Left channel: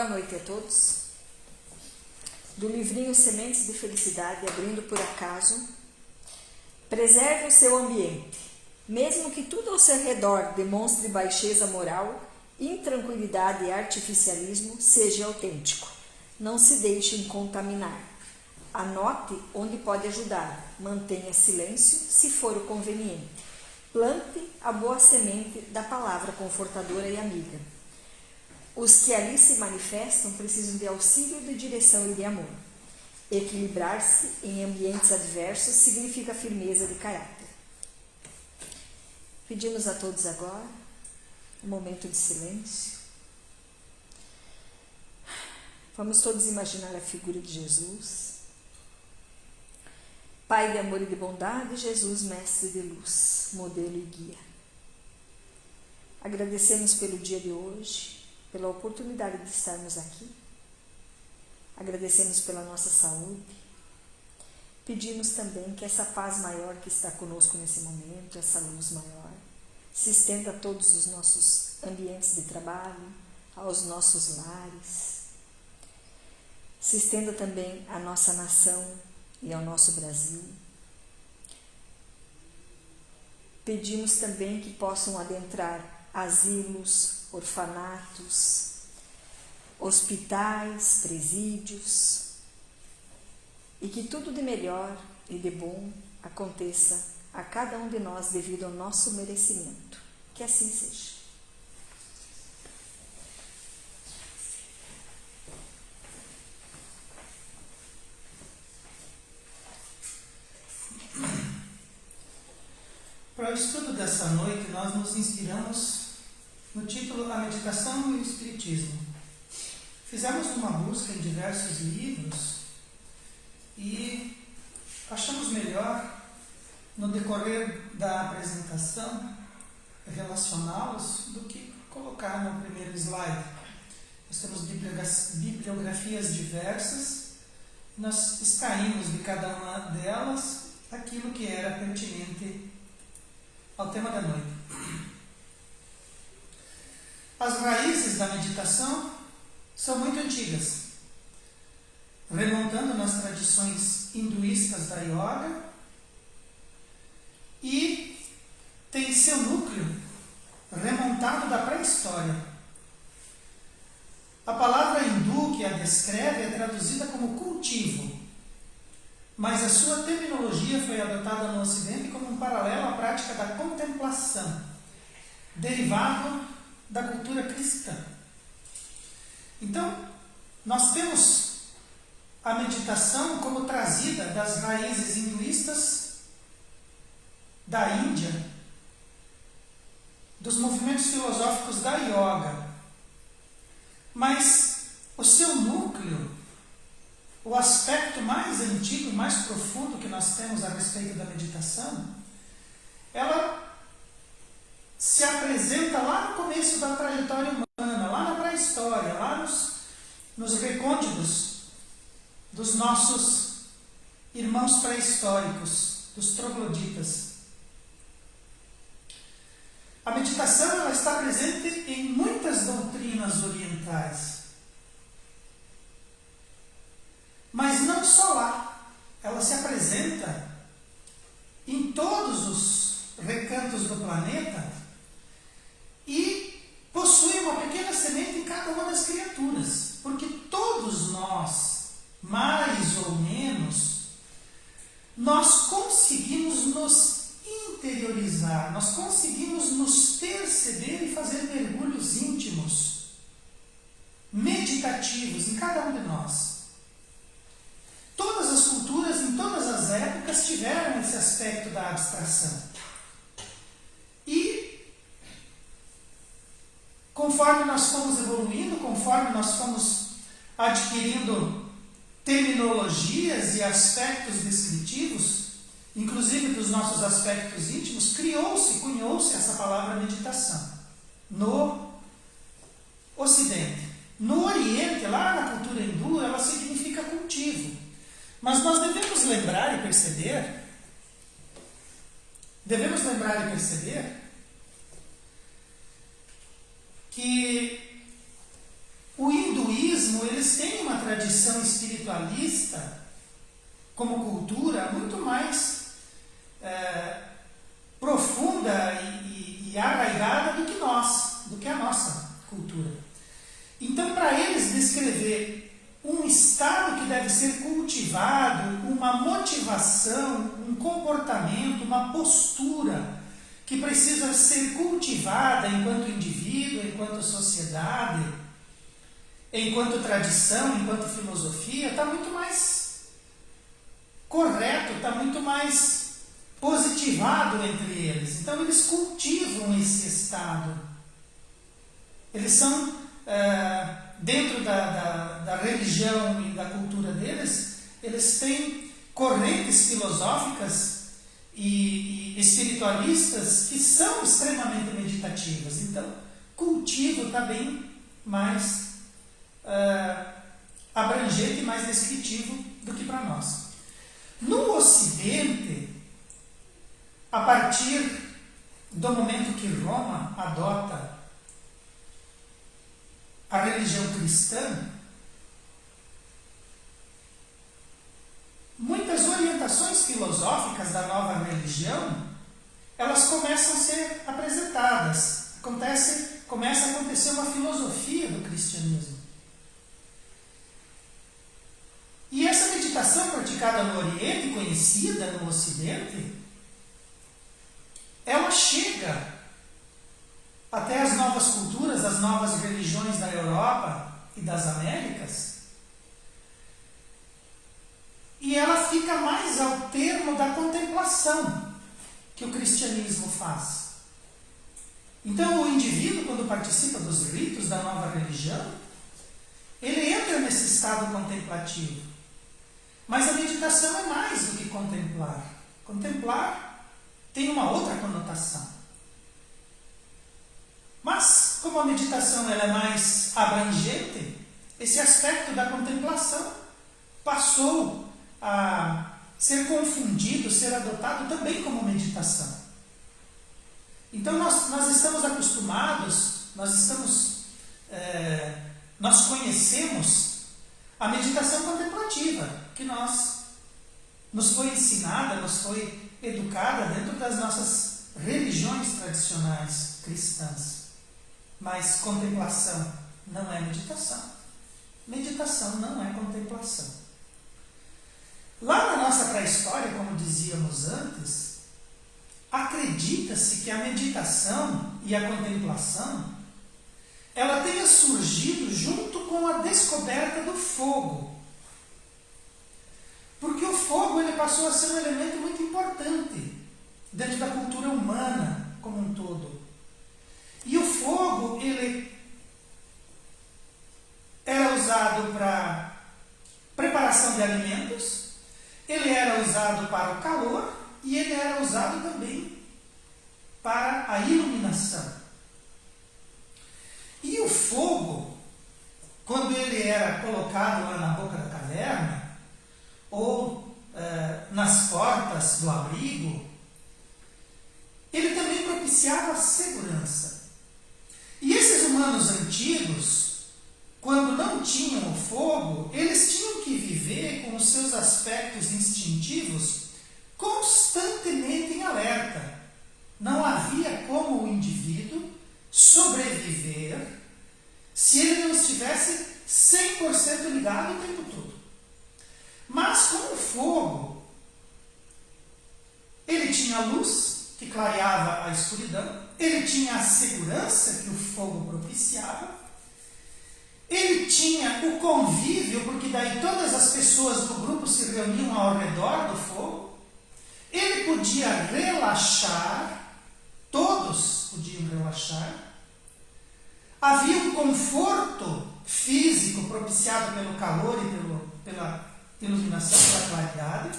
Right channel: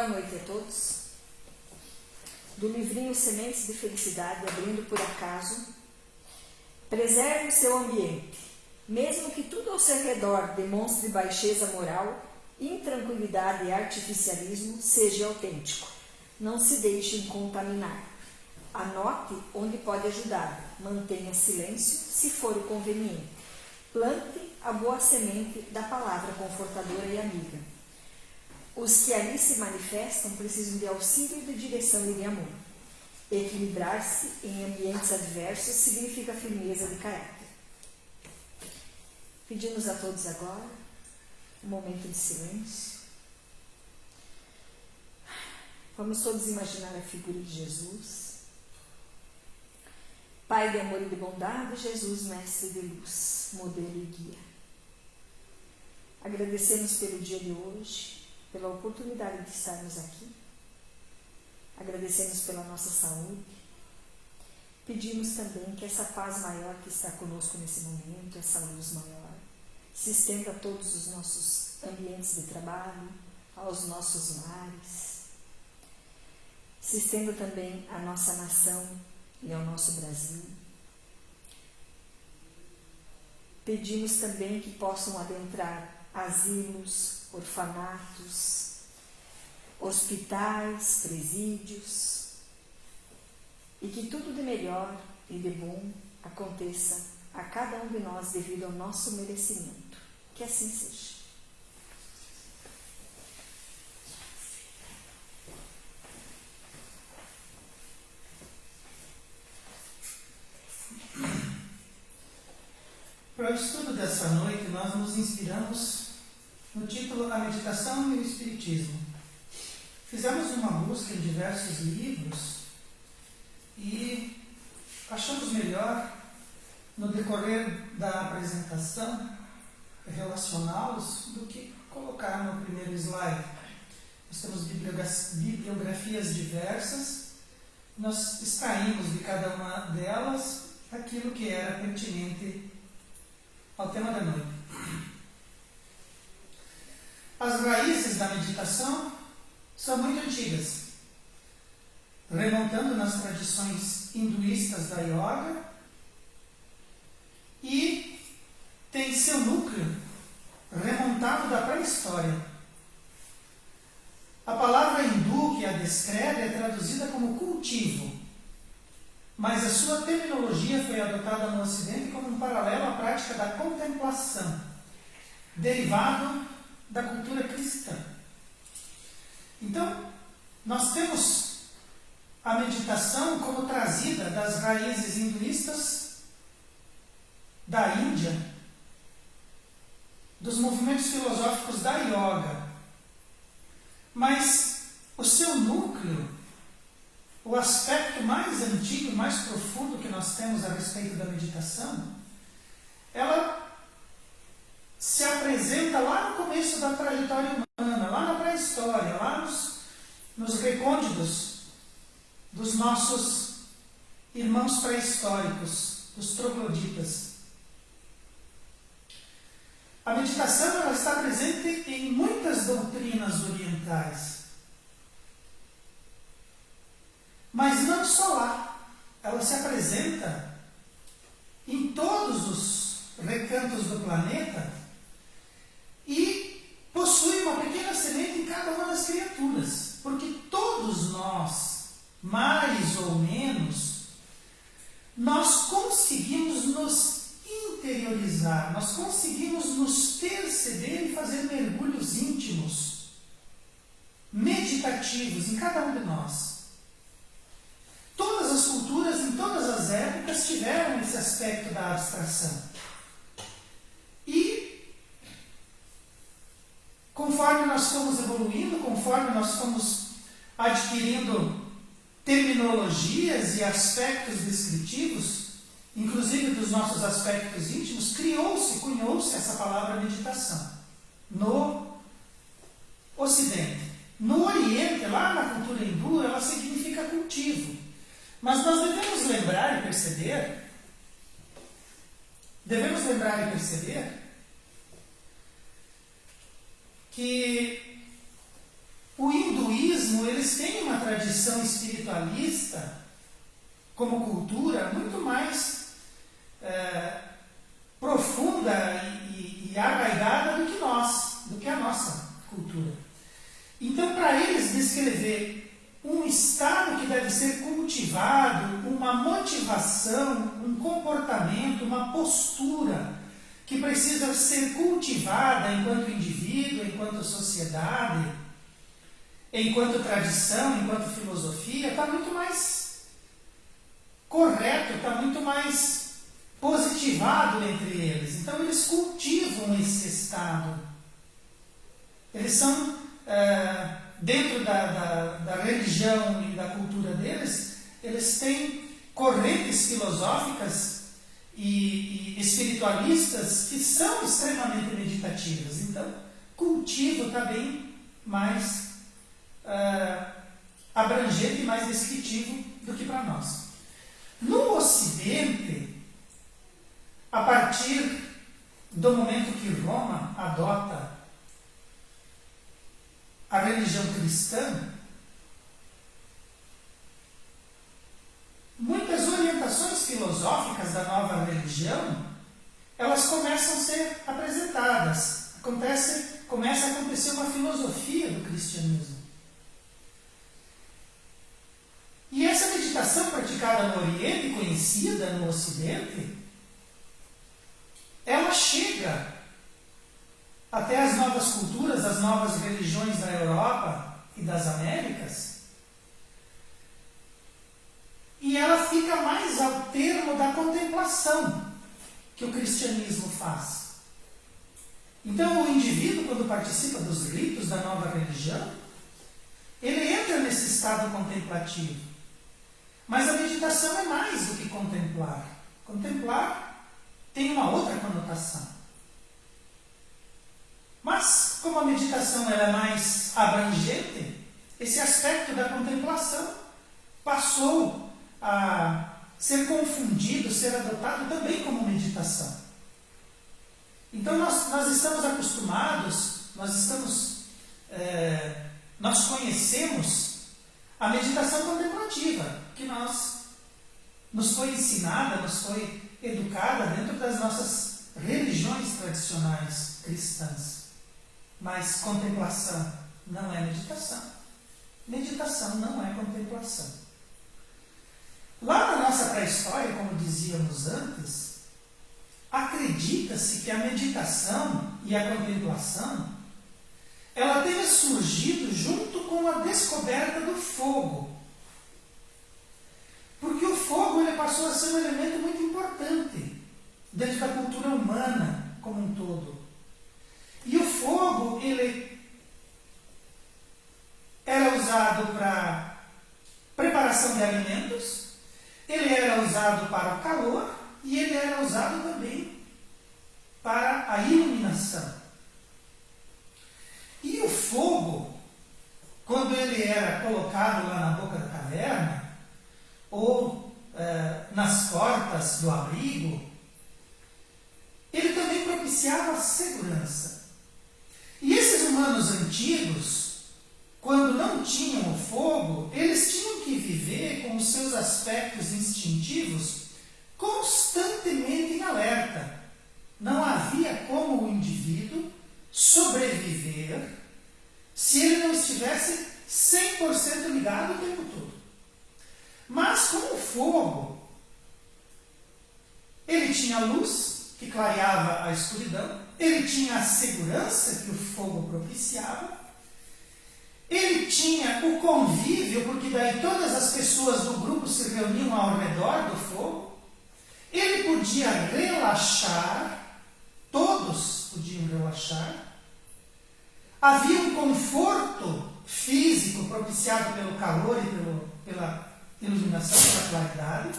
Boa noite a todos. Do livrinho Sementes de Felicidade, abrindo por acaso. Preserve o seu ambiente. Mesmo que tudo ao seu redor demonstre baixeza moral, intranquilidade e artificialismo, seja autêntico. Não se deixe contaminar. Anote onde pode ajudar. Mantenha silêncio se for o conveniente. Plante a boa semente da palavra confortadora e amiga. Os que ali se manifestam precisam de auxílio, de direção e de amor. Equilibrar-se em ambientes adversos significa firmeza de caráter. Pedimos a todos agora um momento de silêncio. Vamos todos imaginar a figura de Jesus. Pai de amor e de bondade, Jesus, mestre de luz, modelo e guia. Agradecemos pelo dia de hoje, pela oportunidade de estarmos aqui. Agradecemos pela nossa saúde. Pedimos também que essa paz maior que está conosco nesse momento, essa luz maior, se estenda a todos os nossos ambientes de trabalho, aos nossos lares. Se estenda também à nossa nação e ao nosso Brasil. Pedimos também que possam adentrar asilos, orfanatos, hospitais, presídios, e que tudo de melhor e de bom aconteça a cada um de nós devido ao nosso merecimento. Que assim seja. Para o estudo dessa noite, nós nos inspiramos no título A Meditação e o Espiritismo. Fizemos uma busca em diversos livros e achamos melhor, no decorrer da apresentação, relacioná-los do que colocar no primeiro slide. Nós temos bibliografias diversas, nós extraímos de cada uma delas aquilo que era pertinente ao tema da noite. As raízes da meditação são muito antigas, remontando nas tradições hinduístas da yoga, e tem seu núcleo remontado da pré-história. A palavra hindu que a descreve é traduzida como cultivo, mas a sua terminologia foi adotada no Ocidente como um paralelo à prática da contemplação, derivado da cultura cristã. Então, nós temos a meditação como trazida das raízes hinduístas da Índia, dos movimentos filosóficos da yoga, mas o seu núcleo, o aspecto mais antigo, mais profundo que nós temos a respeito da meditação, ela se apresenta lá no começo da trajetória humana, lá na pré-história, lá nos recônditos dos nossos irmãos pré-históricos, os trogloditas. A meditação ela está presente em muitas doutrinas orientais, mas não só lá. Ela se apresenta em todos os recantos do planeta e possui uma pequena semente em cada uma das criaturas, porque todos nós, mais ou menos, nós conseguimos nos interiorizar, nós conseguimos nos perceber e fazer mergulhos íntimos, meditativos em cada um de nós. Todas as culturas, em todas as épocas, tiveram esse aspecto da abstração. E, conforme nós fomos evoluindo, conforme nós fomos adquirindo terminologias e aspectos descritivos, inclusive dos nossos aspectos íntimos, cunhou-se essa palavra meditação no Ocidente. No Oriente, lá na cultura hindu, ela significa cultivo. Mas nós devemos lembrar e perceber que o hinduísmo, eles têm uma tradição espiritualista como cultura muito mais profunda e arraigada do que a nossa cultura. Então, para eles descrever um estado que deve ser cultivado, uma motivação, um comportamento, uma postura que precisa ser cultivada enquanto indivíduo, enquanto sociedade, enquanto tradição, enquanto filosofia, está muito mais correto, está muito mais positivado entre eles. Então, eles cultivam esse estado. Eles são, dentro da religião e da cultura deles, eles têm correntes filosóficas e espiritualistas que são extremamente meditativas. Então, cultivo está bem mais abrangente e mais descritivo do que para nós. No Ocidente, a partir do momento que Roma adota a religião cristã, muitas orientações filosóficas da nova religião, elas começam a ser apresentadas. Começa a acontecer uma filosofia do cristianismo. E essa meditação praticada no Oriente, conhecida no Ocidente, ela chega até as novas culturas, as novas religiões da Europa e das Américas, e ela fica mais ao termo da contemplação que o cristianismo faz. Então, o indivíduo, quando participa dos ritos da nova religião, ele entra nesse estado contemplativo. Mas a meditação é mais do que contemplar. Contemplar tem uma outra conotação. Mas, como a meditação ela é mais abrangente, esse aspecto da contemplação passou a ser confundido, ser adotado também como meditação. Então, nós estamos acostumados, nós conhecemos a meditação contemplativa, que nos foi ensinada, nos foi educada dentro das nossas religiões tradicionais cristãs. Mas contemplação não é meditação. Meditação não é contemplação. Lá na nossa pré-história, como dizíamos antes, acredita-se que a meditação e a contemplação ela tenha surgido junto com a descoberta do fogo. Porque o fogo ele passou a ser um elemento muito importante dentro da cultura humana como um todo. E o fogo, ele era usado para preparação de alimentos, ele era usado para o calor e ele era usado também para a iluminação. E o fogo, quando ele era colocado lá na boca da caverna, ou nas portas do abrigo, ele também propiciava a segurança. E esses humanos antigos, quando não tinham o fogo, eles tinham que viver com os seus aspectos instintivos constantemente em alerta. Não havia como o indivíduo sobreviver se ele não estivesse 100% ligado o tempo todo. Mas com o fogo, ele tinha a luz que clareava a escuridão, ele tinha a segurança que o fogo propiciava, ele tinha o convívio, porque daí todas as pessoas do grupo se reuniam ao redor do fogo, ele podia relaxar, todos podiam relaxar, havia um conforto físico propiciado pelo calor e pela iluminação, pela claridade,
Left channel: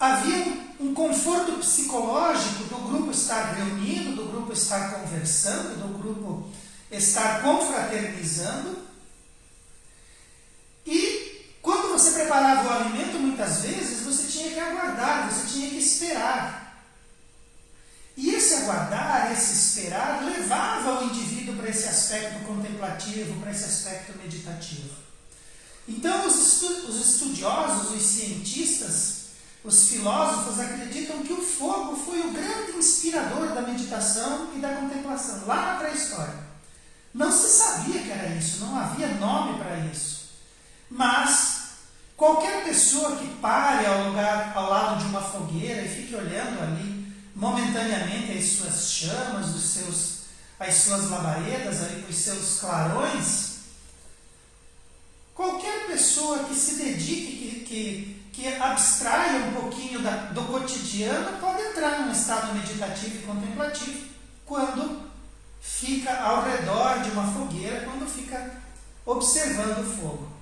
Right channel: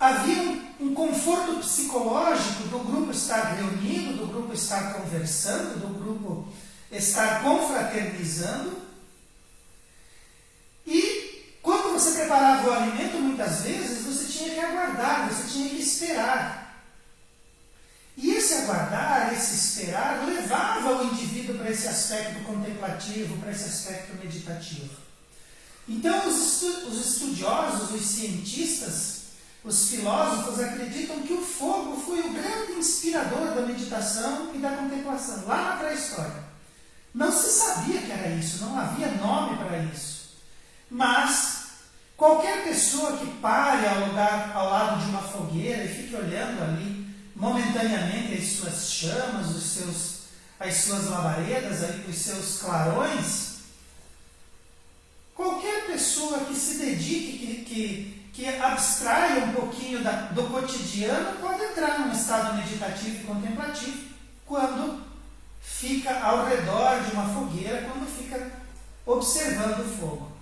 havia um conforto psicológico do grupo estar reunido, do grupo estar conversando, do grupo estar confraternizando. E quando você preparava o alimento, muitas vezes você tinha que aguardar, você tinha que esperar. E esse aguardar, esse esperar, levava o indivíduo para para esse aspecto contemplativo, para esse aspecto meditativo. Então, os estudiosos, os cientistas, os filósofos acreditam que o fogo foi o grande inspirador da meditação e da contemplação, lá na pré-história. Não se sabia que era isso, não havia nome para isso. Mas qualquer pessoa que pare ao lado de uma fogueira e fique olhando ali momentaneamente as suas chamas, as suas labaredas, os seus clarões, qualquer pessoa que se dedique, que abstraia um pouquinho do cotidiano, pode entrar num estado meditativo e contemplativo quando fica ao redor de uma fogueira, quando fica observando o fogo.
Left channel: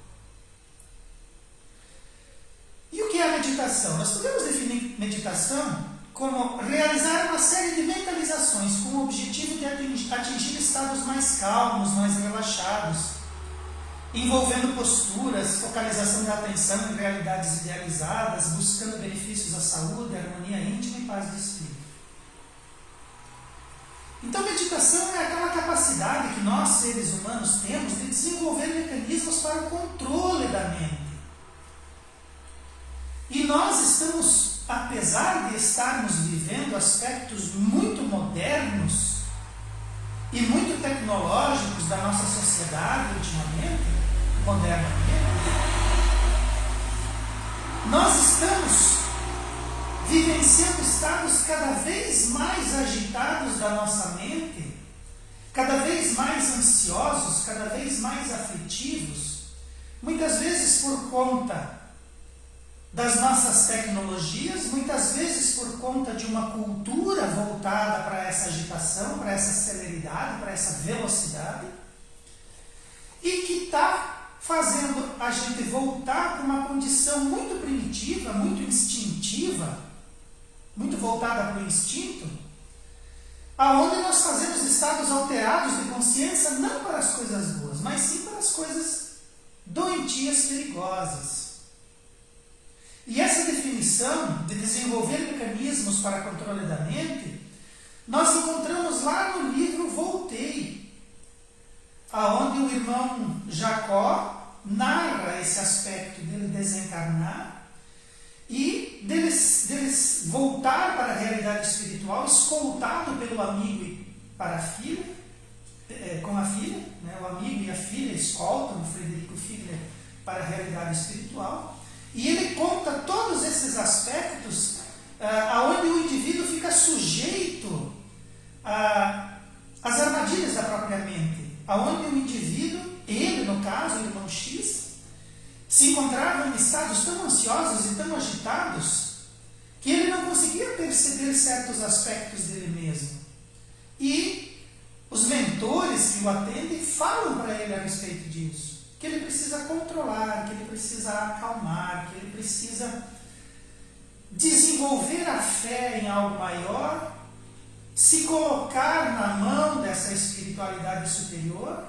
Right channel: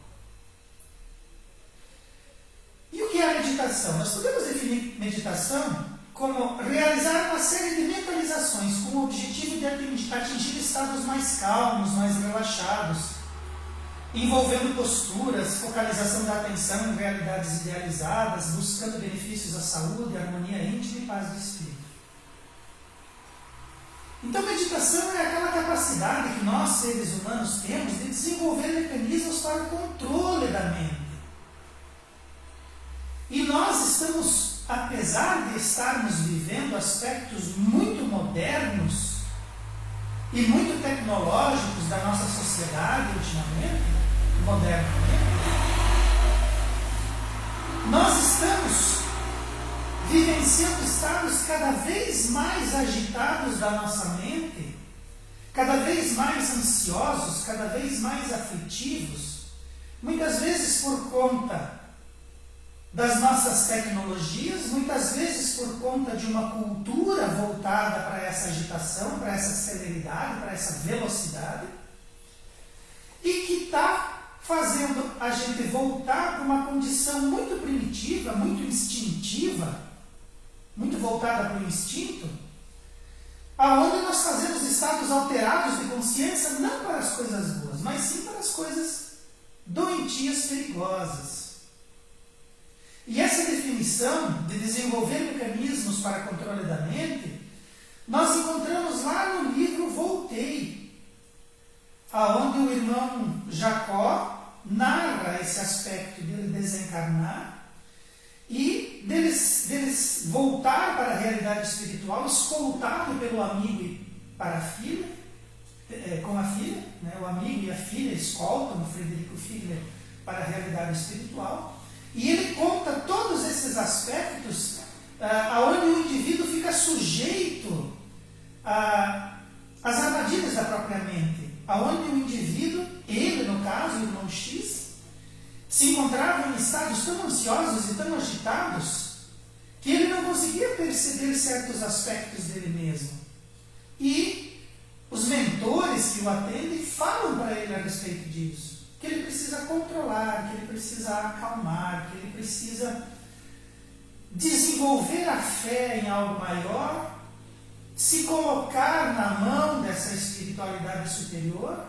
E o que é a meditação? Nós podemos definir meditação como realizar uma série de mentalizações com o objetivo de atingir estados mais calmos, mais relaxados, envolvendo posturas, focalização da atenção em realidades idealizadas, buscando benefícios à saúde, harmonia íntima e paz de espírito. Então, meditação é aquela capacidade que nós, seres humanos, temos de desenvolver mecanismos para o controle da mente. E nós estamos, apesar de estarmos vivendo aspectos muito modernos e muito tecnológicos da nossa sociedade modernamente, nós estamos vivenciando estados cada vez mais agitados da nossa mente, cada vez mais ansiosos, cada vez mais aflitivos, muitas vezes por conta das nossas tecnologias, muitas vezes por conta de uma cultura voltada para essa agitação, para essa celeridade, para essa velocidade, e que está fazendo a gente voltar para uma condição muito primitiva, muito instintiva, muito voltada para o instinto, aonde nós fazemos estados alterados de consciência não para as coisas boas, mas sim para as coisas doentias, perigosas. E essa definição de desenvolver mecanismos para controle da mente, nós encontramos lá no livro Voltei, aonde o irmão Jacó narra esse aspecto dele desencarnar e deles voltar para a realidade espiritual, escoltado pelo amigo e para a filha, com a filha, né? O amigo e a filha escoltam o Frederico Figler para a realidade espiritual. E ele conta todos esses aspectos onde o indivíduo fica sujeito às armadilhas da própria mente, onde o indivíduo, ele no caso, o irmão X, se encontrava em estados tão ansiosos e tão agitados que ele não conseguia perceber certos aspectos dele mesmo. E os mentores que o atendem falam para ele a respeito disso. Que ele precisa controlar, que ele precisa acalmar, que ele precisa desenvolver a fé em algo maior, se colocar na mão dessa espiritualidade superior,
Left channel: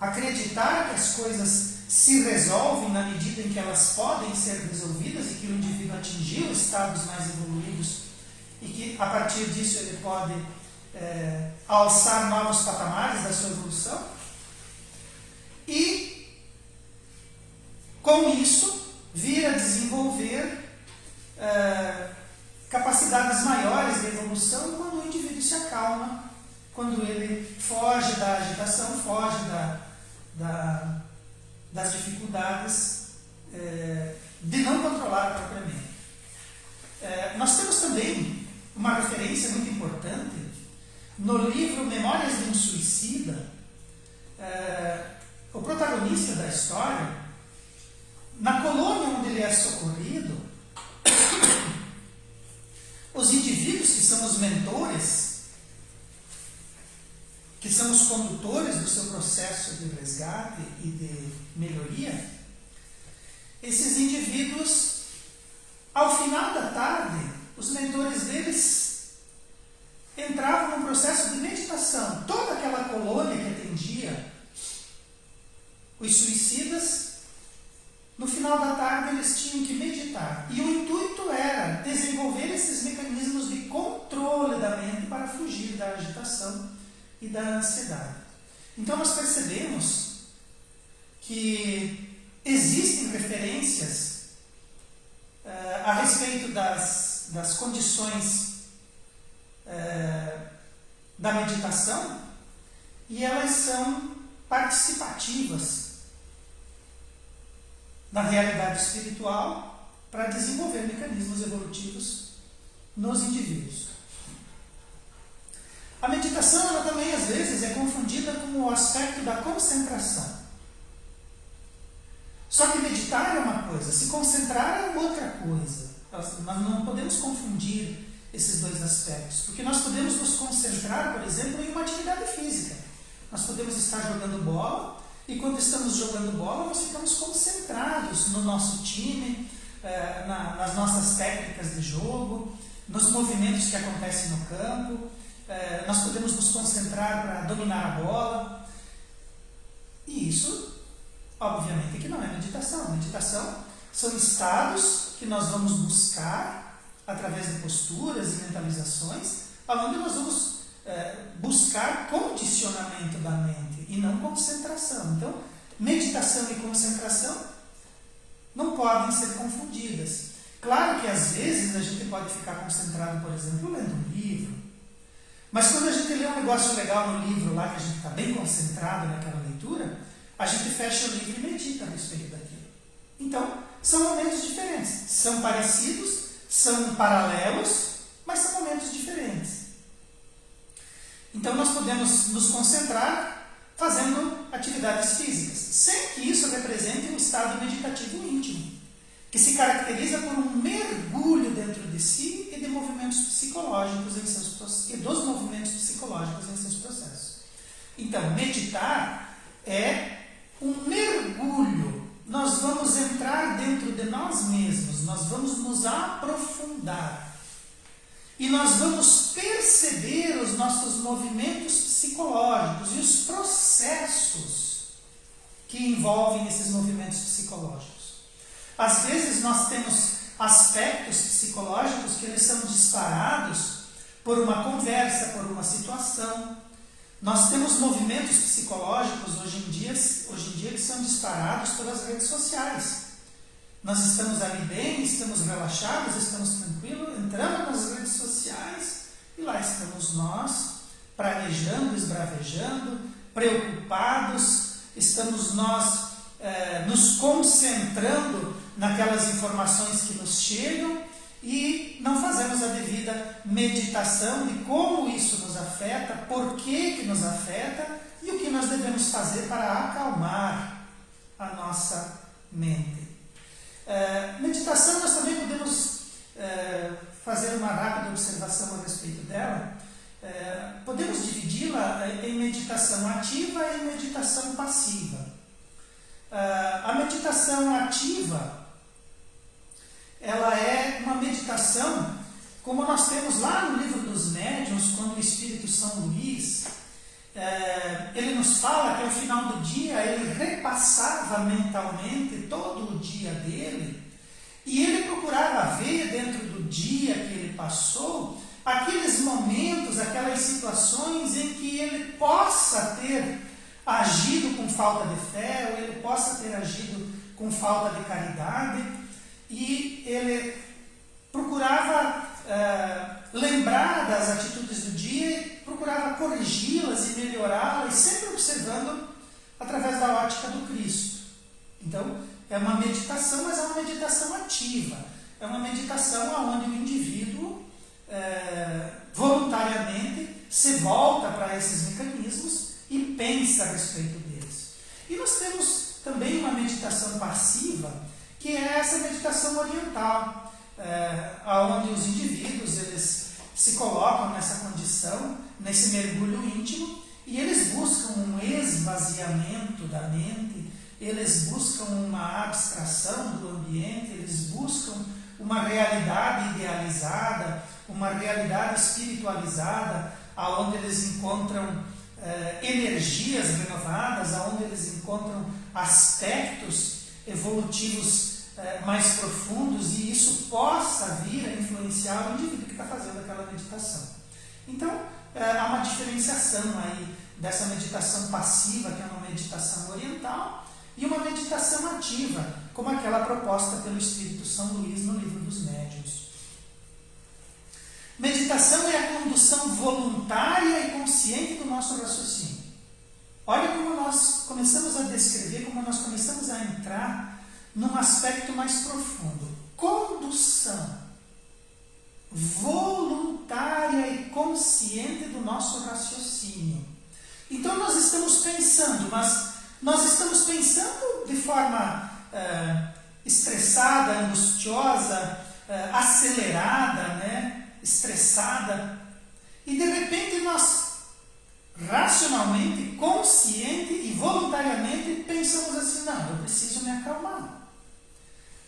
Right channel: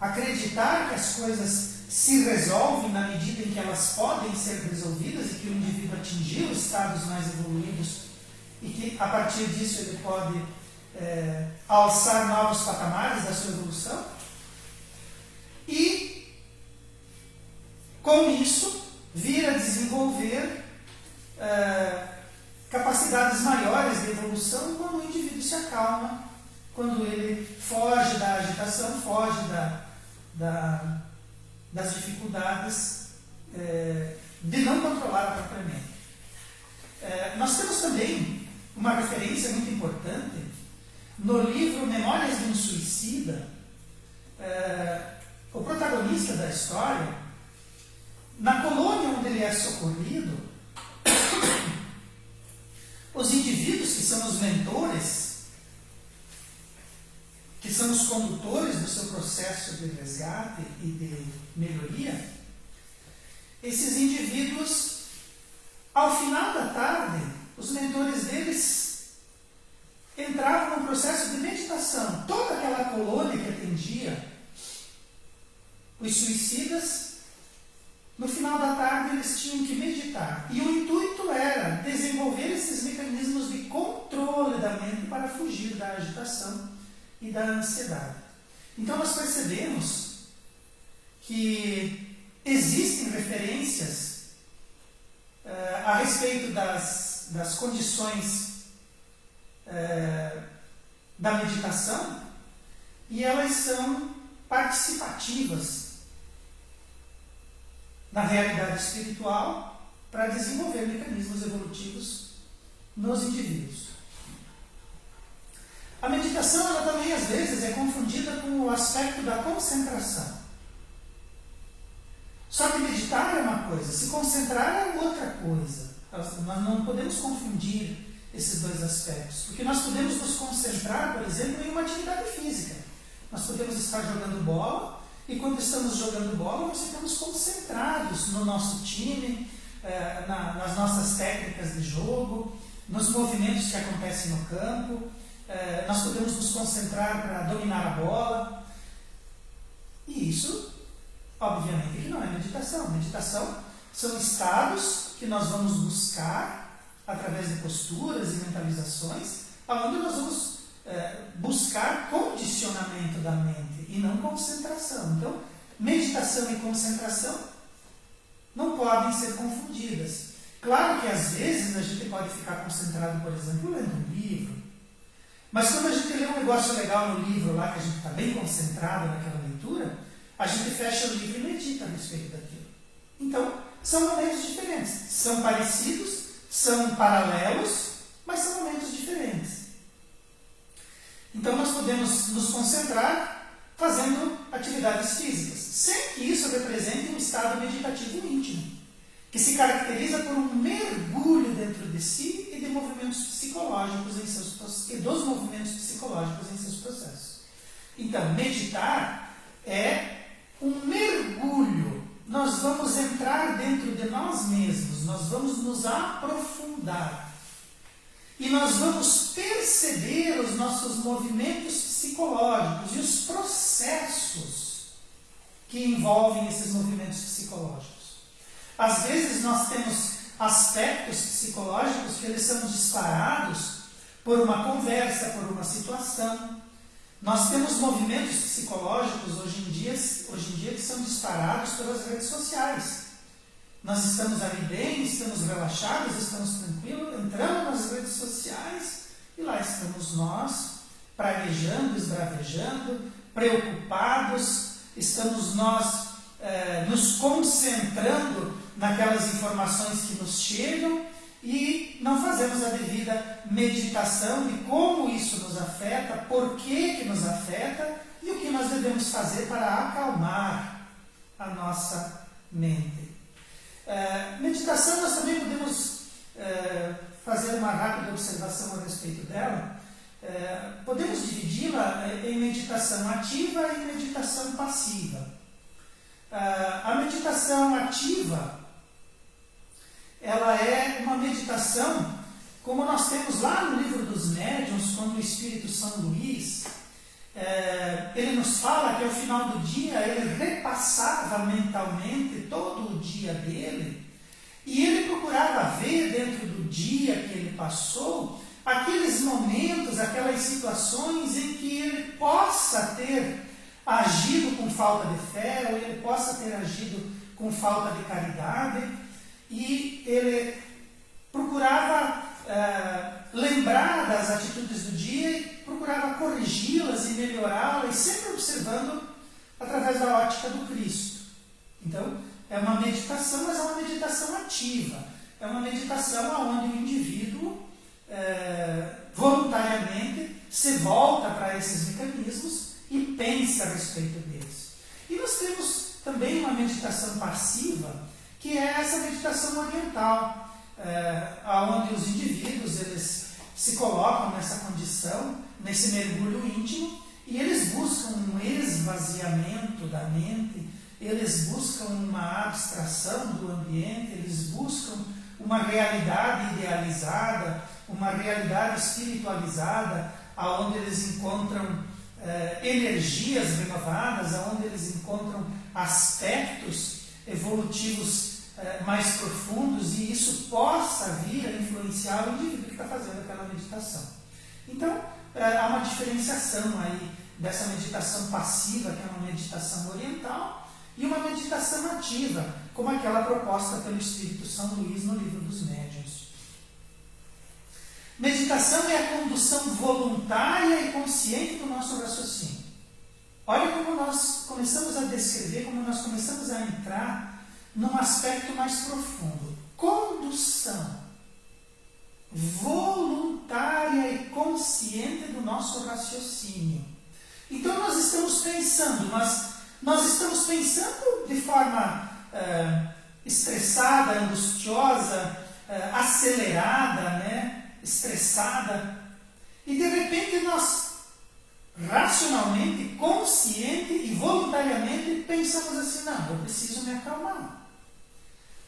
acreditar que as coisas se resolvem na medida em que elas podem ser resolvidas e que o indivíduo atingir os estados mais evoluídos e que a partir disso ele pode alçar novos patamares da sua evolução. E com isso, vir a desenvolver capacidades maiores de evolução quando o indivíduo se acalma, quando ele foge da agitação, foge das dificuldades de não controlar a própria mente. Nós temos também uma referência muito importante no livro Memórias de um Suicida. O protagonista da história, na colônia onde ele é socorrido, os indivíduos que são os mentores, que são os condutores do seu processo de resgate e de melhoria, esses indivíduos, ao final da tarde, os mentores deles entravam num processo de meditação. Toda aquela colônia que atendia os suicidas, no final da tarde eles tinham que meditar. E o intuito era desenvolver esses mecanismos de controle da mente para fugir da agitação e da ansiedade. Então nós percebemos que existem referências a respeito das condições da meditação, e elas são participativas na realidade espiritual para desenvolver mecanismos evolutivos nos indivíduos. A meditação, ela também às vezes é confundida com o aspecto da concentração. Só que meditar é uma coisa, se concentrar é outra coisa. Nós não podemos confundir esses dois aspectos, porque nós podemos nos concentrar, por exemplo, em uma atividade física. Nós podemos estar jogando bola, e quando estamos jogando bola, nós ficamos concentrados no nosso time, nas nossas técnicas de jogo, nos movimentos que acontecem no campo. Nós podemos nos concentrar para dominar a bola. E isso, obviamente, que não é meditação. Meditação são estados que nós vamos buscar através de posturas e mentalizações, onde nós vamos buscar condicionamento da mente e não concentração. Então, meditação e concentração não podem ser confundidas. Claro que às vezes a gente pode ficar concentrado, por exemplo, lendo um livro, mas quando a gente lê um negócio legal no livro lá, que a gente está bem concentrado naquela leitura, a gente fecha o livro e medita a respeito daquilo. Então, são momentos diferentes, são parecidos, são paralelos, mas são momentos diferentes. Então nós podemos nos concentrar fazendo atividades físicas, sem que isso represente um estado meditativo íntimo, que se caracteriza por um mergulho dentro de si e de movimentos psicológicos em seus, e dos movimentos psicológicos em seus processos. Então, meditar é um mergulho. Nós vamos entrar dentro de nós mesmos, nós vamos nos aprofundar. E nós vamos perceber os nossos movimentos psicológicos e os processos que envolvem esses movimentos psicológicos. Às vezes nós temos aspectos psicológicos que eles são disparados por uma conversa, por uma situação. Nós temos movimentos psicológicos hoje em dia que são disparados pelas redes sociais. Nós estamos ali bem, estamos relaxados, estamos tranquilos, entramos nas redes sociais e lá estamos nós, praguejando, esbravejando, preocupados, estamos nós nos concentrando naquelas informações que nos chegam e não fazemos a devida meditação de como isso nos afeta, por que nos afeta e o que nós devemos fazer para acalmar a nossa mente. Meditação, nós também podemos fazer uma rápida observação a respeito dela. Podemos dividi-la em meditação ativa e meditação passiva. A meditação ativa, ela é uma meditação, como nós temos lá no livro dos médiuns, com o Espírito São Luís. Ele nos fala que ao final do dia ele repassava mentalmente todo o dia dele e ele procurava ver dentro do dia que ele passou aqueles momentos, aquelas situações em que ele possa ter agido com falta de fé, ou ele possa ter agido com falta de caridade, e ele procurava lembrar das atitudes do dia, procurava corrigi-las e melhorá-las, sempre observando através da ótica do Cristo. Então, é uma meditação, mas é uma meditação ativa. É uma meditação onde o indivíduo voluntariamente se volta para esses mecanismos e pensa a respeito deles. E nós temos também uma meditação passiva, que é essa meditação oriental, onde os indivíduos eles se colocam nessa condição, nesse mergulho íntimo, e eles buscam um esvaziamento da mente, eles buscam uma abstração do ambiente, eles buscam uma realidade idealizada, uma realidade espiritualizada, onde eles encontram energias renovadas, onde eles encontram aspectos evolutivos mais profundos, e isso possa vir a influenciar o indivíduo que está fazendo aquela meditação. Então, há uma diferenciação aí dessa meditação passiva, que é uma meditação oriental, e uma meditação ativa, como aquela proposta pelo Espírito São Luís no Livro dos Médiuns. Meditação é a condução voluntária e consciente do nosso raciocínio. Olha como nós começamos a descrever, como nós começamos a entrar num aspecto mais profundo. Condução voluntária e consciente do nosso raciocínio. Então nós estamos pensando, mas nós estamos pensando de forma estressada, angustiosa, acelerada, né? Estressada, e de repente nós racionalmente, consciente e voluntariamente pensamos assim: não, eu preciso me acalmar.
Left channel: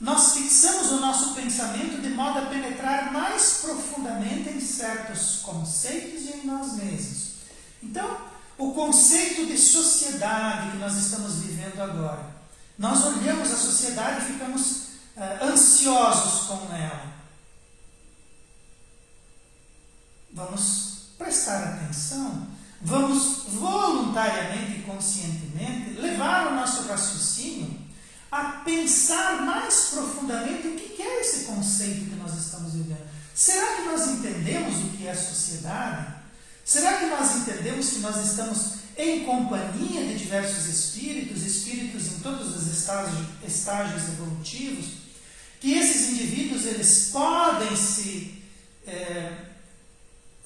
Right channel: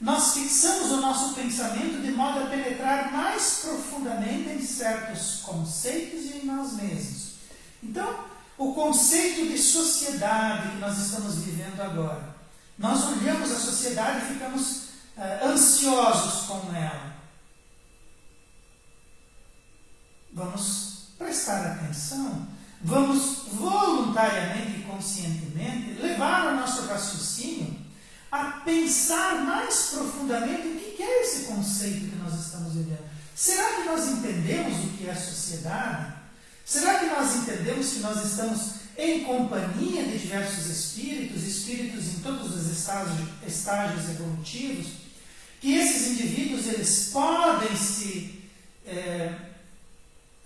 Nós fixamos o nosso pensamento de modo a penetrar mais profundamente em certos conceitos e em nós mesmos. Então, o conceito de sociedade que nós estamos vivendo agora, nós olhamos a sociedade e ficamos ansiosos com ela. Vamos prestar atenção, vamos voluntariamente e conscientemente levar o nosso raciocínio a pensar mais profundamente o que é esse conceito que nós estamos vivendo. Será que nós entendemos o que é sociedade? Será que nós entendemos que nós estamos em companhia de diversos espíritos em todos os estágios evolutivos, que esses indivíduos eles podem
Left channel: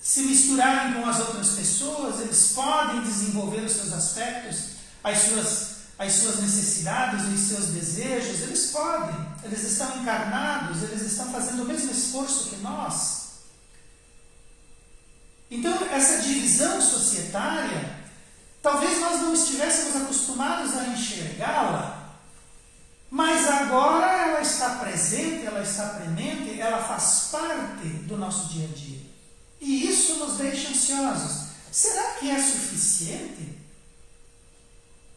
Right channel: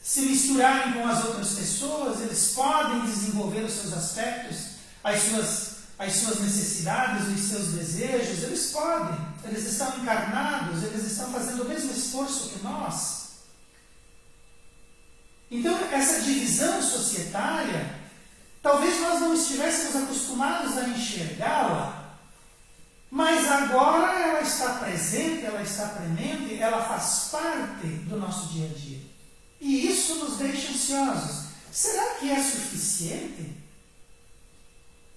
se misturarem com as outras pessoas, eles podem desenvolver os seus aspectos, as suas necessidades, os seus desejos, eles podem, eles estão encarnados, eles estão fazendo o mesmo esforço que nós. Então, essa divisão societária, talvez nós não estivéssemos acostumados a enxergá-la, mas agora ela está presente, ela está premente, ela faz parte do nosso dia a dia. E isso nos deixa ansiosos. Será que é suficiente?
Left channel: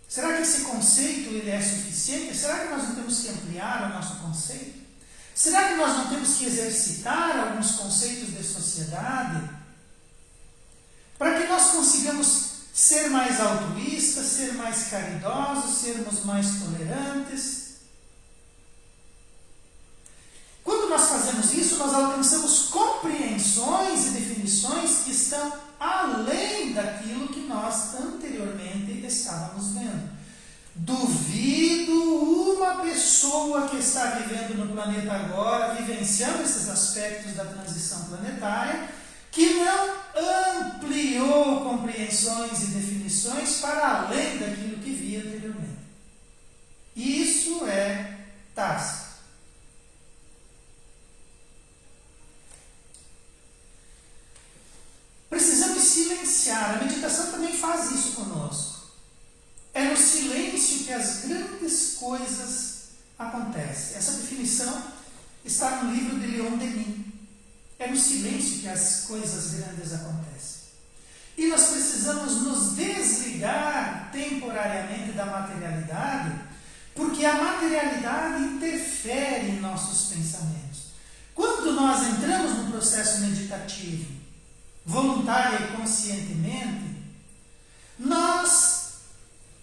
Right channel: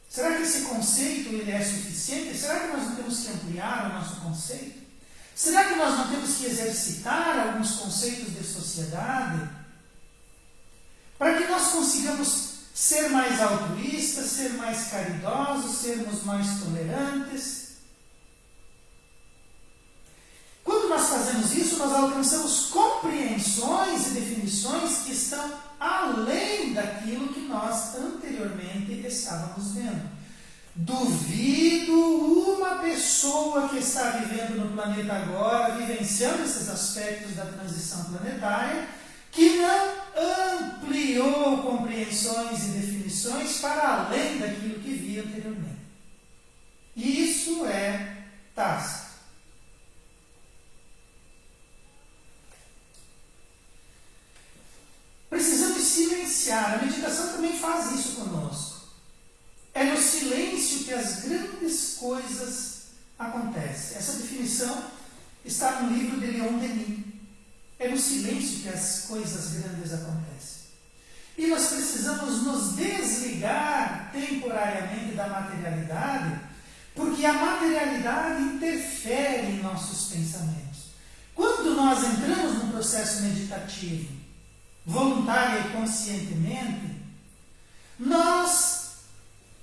Será que esse conceito ele é suficiente? Será que nós não temos que ampliar o nosso conceito? Será que nós não temos que exercitar alguns conceitos de sociedade para que nós consigamos ser mais altruístas, ser mais caridosos, sermos mais tolerantes? Quando nós fazemos isso, nós alcançamos compreensões e definições que estão além daquilo que nós anteriormente estávamos vendo. Duvido uma pessoa que está vivendo no planeta agora, vivenciando esses aspectos da transição planetária, que não ampliou compreensões e definições para além daquilo que via anteriormente. Isso é tácito. Precisamos silenciar. A meditação também faz isso conosco. É no silêncio que as grandes coisas acontecem. Essa definição está no livro de Leon Denis. É no silêncio que as coisas grandes acontecem. E nós precisamos nos desligar temporariamente da materialidade, porque a materialidade interfere em nossos pensamentos. Quando nós entramos no processo meditativo, voluntária e conscientemente, nós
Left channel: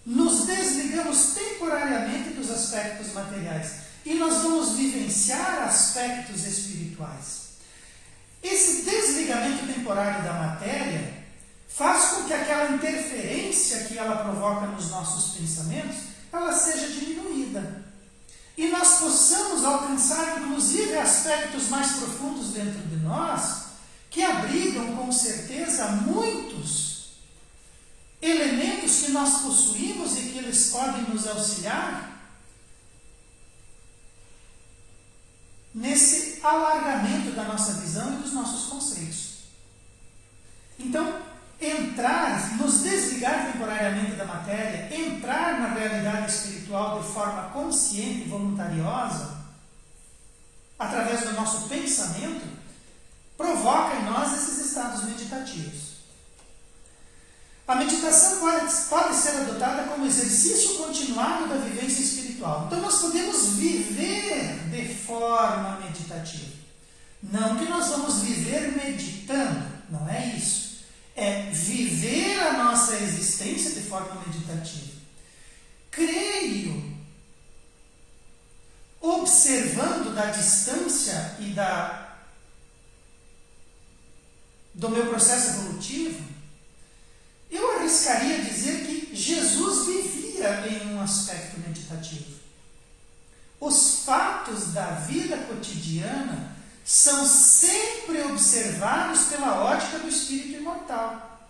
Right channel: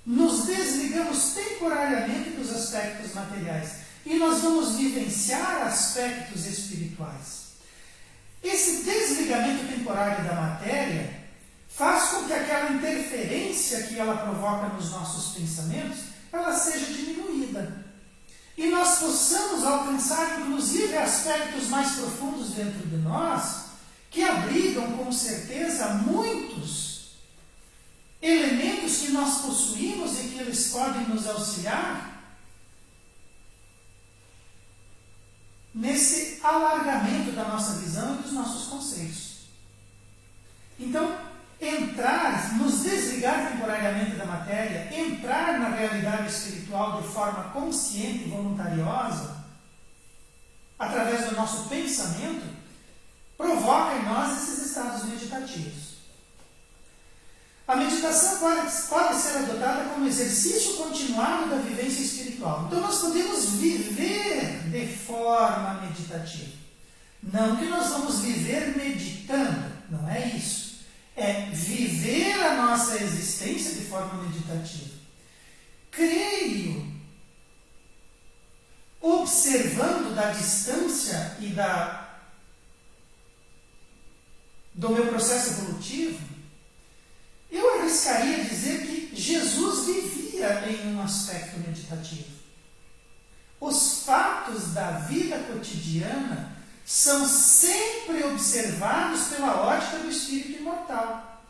nos desligamos temporariamente dos aspectos materiais e nós vamos vivenciar aspectos espirituais. Esse desligamento temporário da matéria faz com que aquela interferência que ela provoca nos nossos pensamentos, ela seja diminuída. E nós possamos alcançar, inclusive, aspectos mais profundos dentro de nós, que abrigam, com certeza, muitos elementos que nós possuímos e que eles podem nos auxiliar nesse alargamento da nossa visão e dos nossos conceitos. Então, nos desligar temporariamente da matéria, entrar na realidade espiritual de forma consciente e voluntariosa, através do nosso pensamento, provoca em nós esses estados meditativos. A meditação pode ser adotada como exercício continuado da vivência espiritual. Então nós podemos viver de forma meditativa. Não que nós vamos viver meditando, não é isso. é viver a nossa existência de forma meditativa. Creio, observando da distância e do meu processo evolutivo, eu arriscaria dizer que Jesus vivia em um aspecto meditativo. Os fatos da vida cotidiana são sempre observados pela ótica do espírito imortal,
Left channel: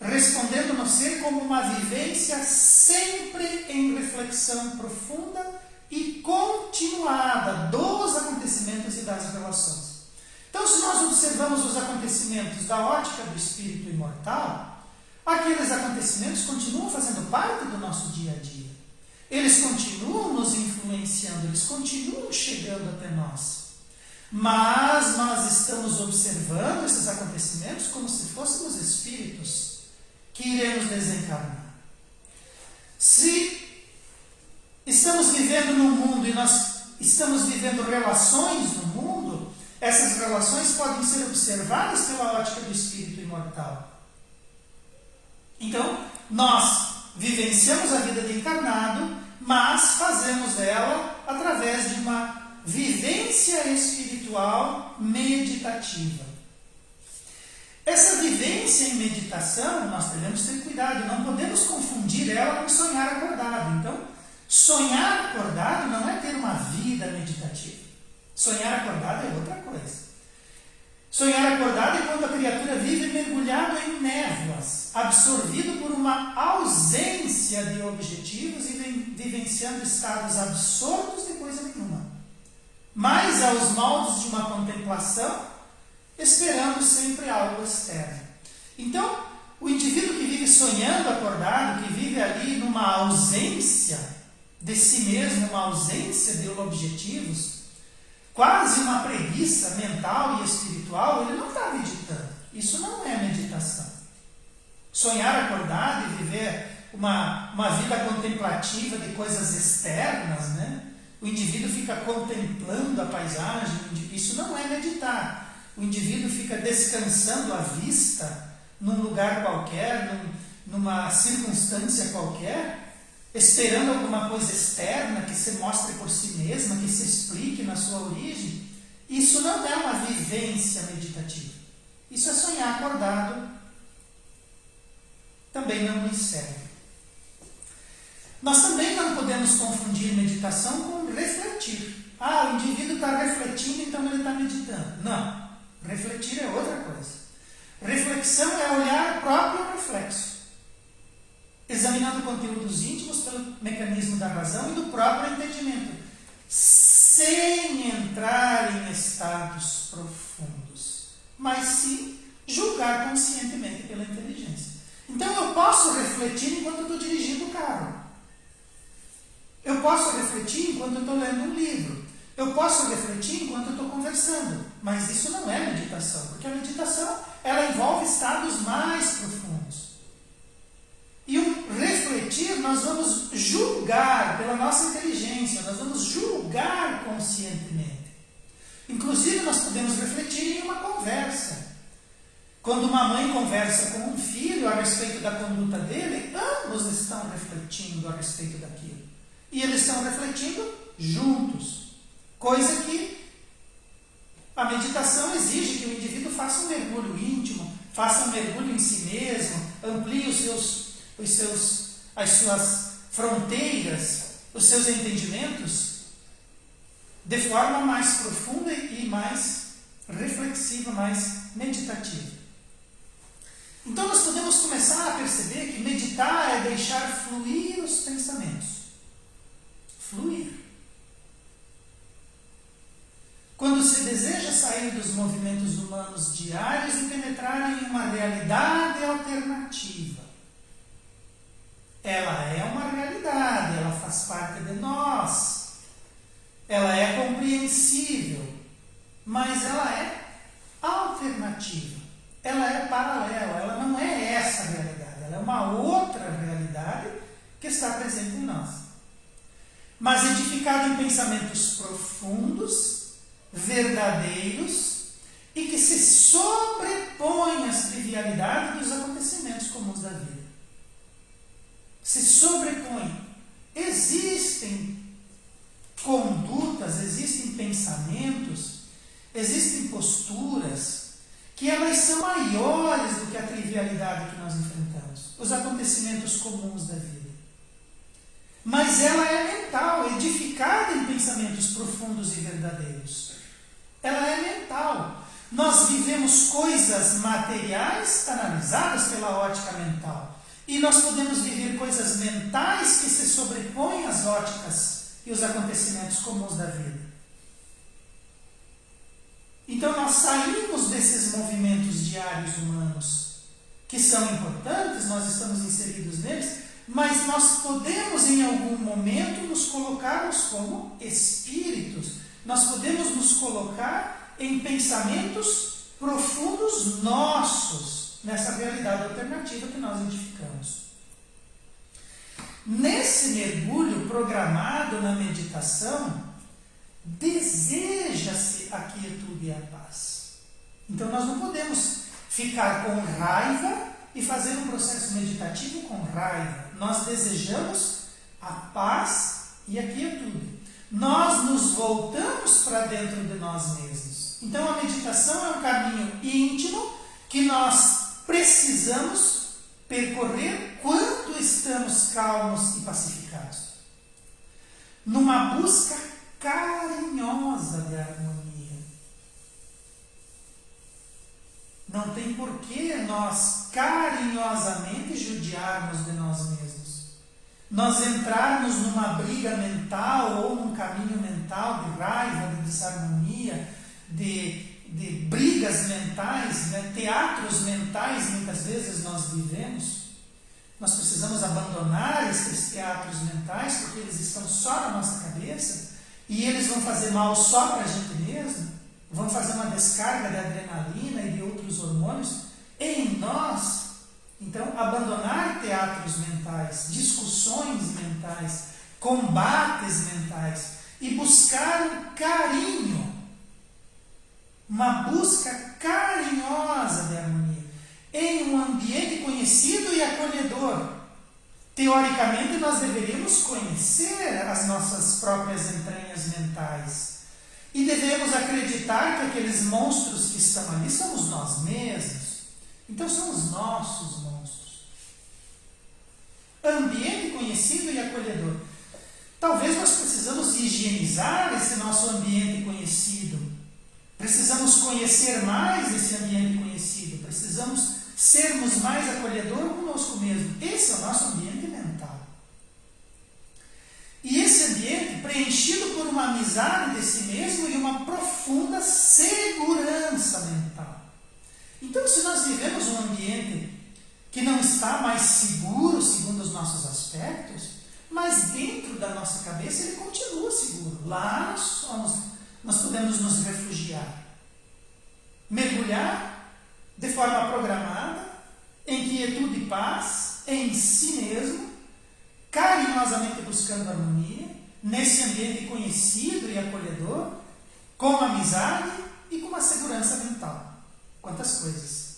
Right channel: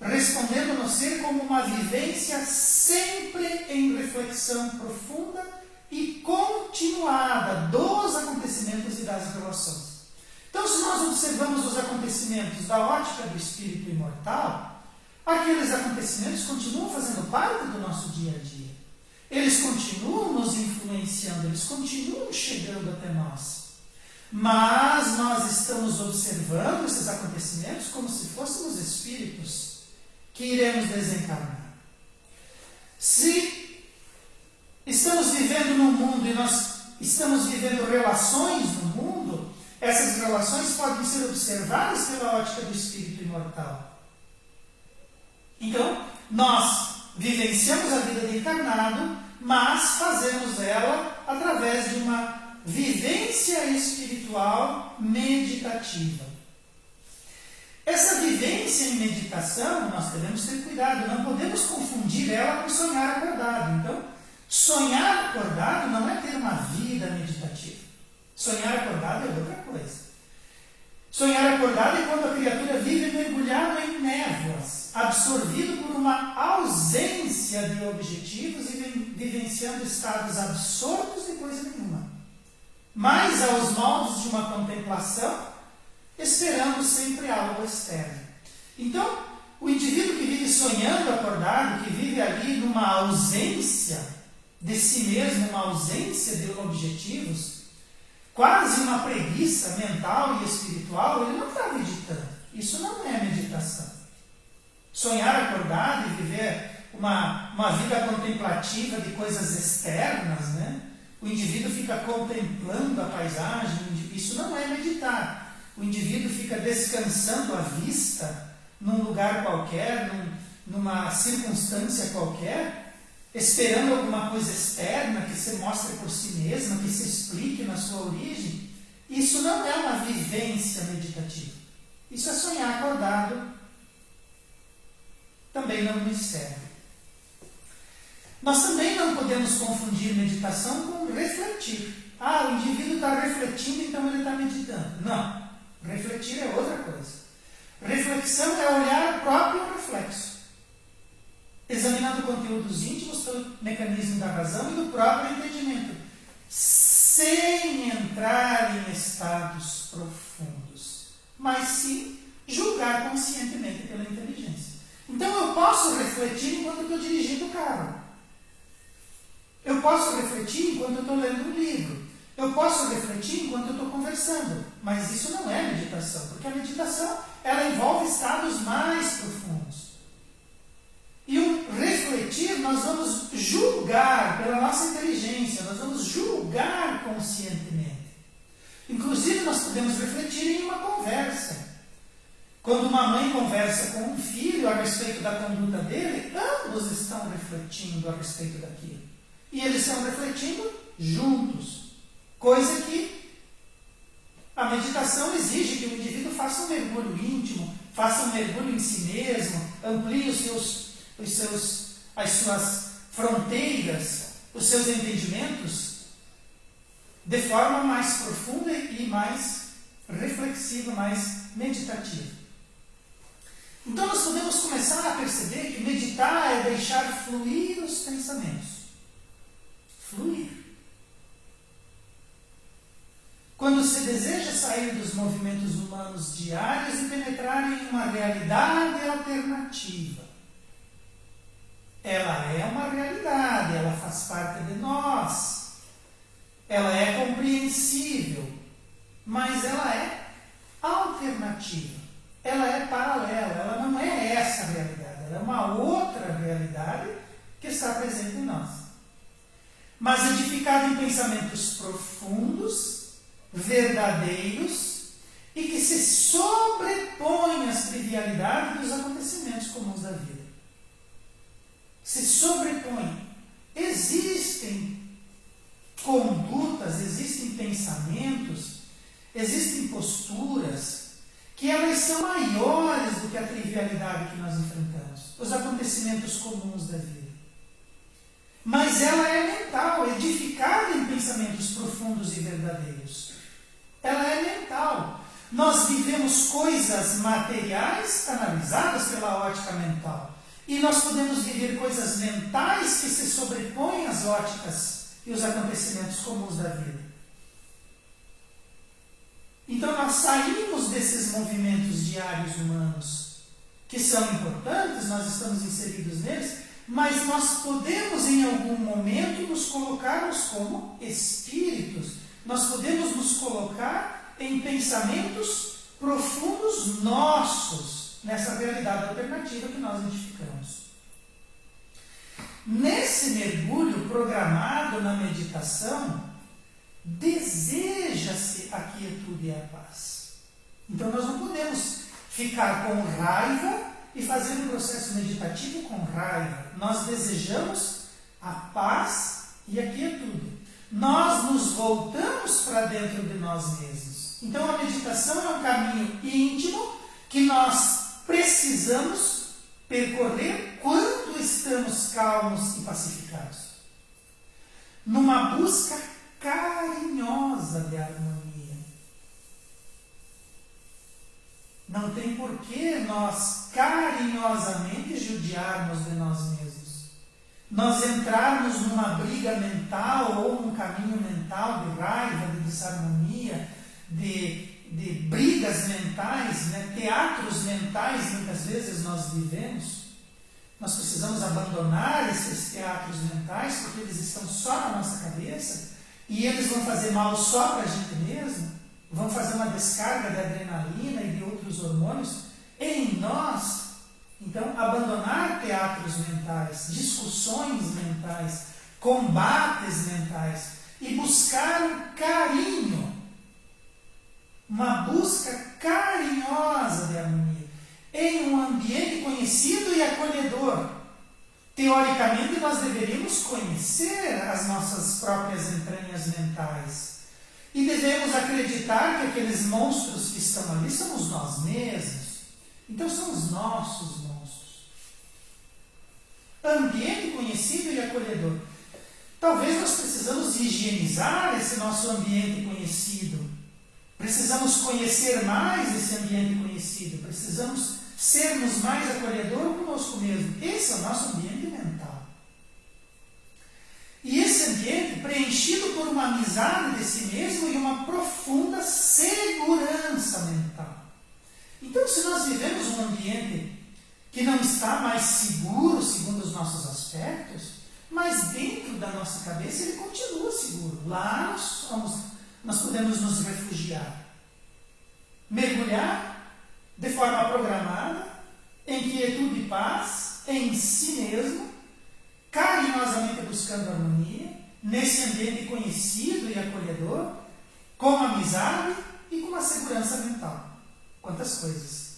respondendo no ser como uma vivência sempre em reflexão profunda e continuada dos acontecimentos e das relações. Então, se nós observamos os acontecimentos da ótica do espírito imortal, aqueles acontecimentos continuam fazendo parte do nosso dia a dia. Eles continuam nos influenciando, eles continuam chegando até nós. Mas nós estamos observando esses acontecimentos como se fôssemos espíritos que iremos desencarnar. Se estamos vivendo num mundo e nós estamos vivendo relações no mundo, essas relações podem ser observadas pela ótica do espírito imortal. Então, nós vivenciamos a vida de encarnado, mas fazemos ela através de uma vivência espiritual meditativa. Essa vivência em meditação, nós devemos ter cuidado, não podemos confundir ela com sonhar acordado. Então, sonhar acordado não é ter uma vida meditativa. Sonhar acordado é outra coisa. Sonhar acordado é quando a criatura vive mergulhada em névoas, absorvido por uma ausência de objetivos e vivenciando estados absortos de coisa nenhuma, mas aos moldes de uma contemplação, esperando sempre algo externo. Então, o indivíduo que vive sonhando acordado, que vive ali numa ausência de si mesmo, uma ausência de objetivos, quase uma preguiça mental e espiritual, ele não está meditando. Isso não é meditação. Sonhar acordado e viver uma vida contemplativa de coisas externas, né? O indivíduo fica contemplando a paisagem, isso não é meditar. O indivíduo fica descansando a vista num lugar qualquer, numa circunstância qualquer, esperando alguma coisa externa que se mostre por si mesma, que se explique na sua origem. Isso não é uma vivência meditativa. Isso é sonhar acordado. Também não nos serve. Nós também não podemos confundir meditação com refletir. Ah, o indivíduo está refletindo, então ele está meditando. Não. Refletir é outra coisa. Reflexão é olhar o próprio reflexo, examinando conteúdos íntimos do mecanismo da razão e do próprio entendimento, sem entrar em estados profundos, mas sim julgar conscientemente pela inteligência. Então eu posso refletir enquanto eu estou dirigindo o carro. Eu posso refletir enquanto eu estou lendo um livro. Eu posso refletir enquanto eu estou conversando. Mas isso não é meditação, porque a meditação ela envolve estados mais profundos. E o refletir, nós vamos julgar pela nossa inteligência, nós vamos julgar conscientemente. Inclusive, nós podemos refletir em uma conversa. Quando uma mãe conversa com um filho a respeito da conduta dele, ambos estão refletindo a respeito daquilo. E eles estão refletindo juntos. Coisa que a meditação exige que o indivíduo faça um mergulho íntimo, faça um mergulho em si mesmo, amplie as suas fronteiras, os seus entendimentos, de forma mais profunda e mais reflexiva, mais meditativa. Então nós podemos começar a perceber que meditar é deixar fluir os pensamentos. Fluir. Quando se deseja sair dos movimentos humanos diários e penetrar em uma realidade alternativa, ela é uma realidade, ela faz parte de nós, ela é compreensível, mas ela é alternativa, ela é paralela, ela não é essa realidade, ela é uma outra realidade que está presente em nós. Mas edificada em pensamentos profundos, verdadeiros e que se sobrepõem às trivialidades dos se sobrepõe. Existem condutas, existem pensamentos, existem posturas que elas são maiores do que a trivialidade que nós enfrentamos, os acontecimentos comuns da vida. Mas ela é mental, edificada em pensamentos profundos e verdadeiros. Ela é mental. Nós vivemos coisas materiais analisadas pela ótica mental. E nós podemos viver coisas mentais que se sobrepõem às óticas e os acontecimentos comuns da vida. Então nós saímos desses movimentos diários humanos, que são importantes, nós estamos inseridos neles, mas nós podemos em algum momento nos colocarmos como espíritos, nós podemos nos colocar em pensamentos profundos nossos, nessa realidade alternativa que nós edificamos. Nesse mergulho programado na meditação, deseja-se a quietude e a paz. Então nós não podemos ficar com raiva e fazer um processo meditativo com raiva. Nós desejamos a paz e a quietude. Nós nos voltamos para dentro de nós mesmos. Então a meditação é um caminho íntimo que nós precisamos percorrer quando estamos calmos e pacificados. Numa busca carinhosa de harmonia. Não tem por que nós carinhosamente judiarmos de nós mesmos. Nós entrarmos numa briga mental ou num caminho mental de raiva, de desarmonia, de brigas mentais, né? Teatros mentais, muitas vezes nós vivemos. Nós precisamos abandonar esses teatros mentais, porque eles estão só na nossa cabeça e eles vão fazer mal só para a gente mesmo, vão fazer uma descarga de adrenalina e de outros hormônios em nós. Então, abandonar teatros mentais, discussões mentais, combates mentais e buscar um carinho, uma busca carinhosa de harmonia, em um ambiente conhecido e acolhedor. Teoricamente, nós deveríamos conhecer as nossas próprias entranhas mentais e devemos acreditar que aqueles monstros que estão ali somos nós mesmos. Então, são os nossos monstros. Ambiente conhecido e acolhedor. Talvez nós precisamos higienizar esse nosso ambiente conhecido. Precisamos conhecer mais esse ambiente conhecido. Precisamos sermos mais acolhedor conosco mesmo. Esse é o nosso ambiente mental. E esse ambiente preenchido por uma amizade de si mesmo e uma profunda segurança mental. Então, se nós vivemos um ambiente que não está mais seguro segundo os nossos aspectos, mas dentro da nossa cabeça ele continua seguro. Lá nós podemos nos refugiar. Mergulhar de forma programada, em quietude e paz, em si mesmo, carinhosamente buscando harmonia, nesse ambiente conhecido e acolhedor, com amizade e com uma segurança mental. Quantas coisas!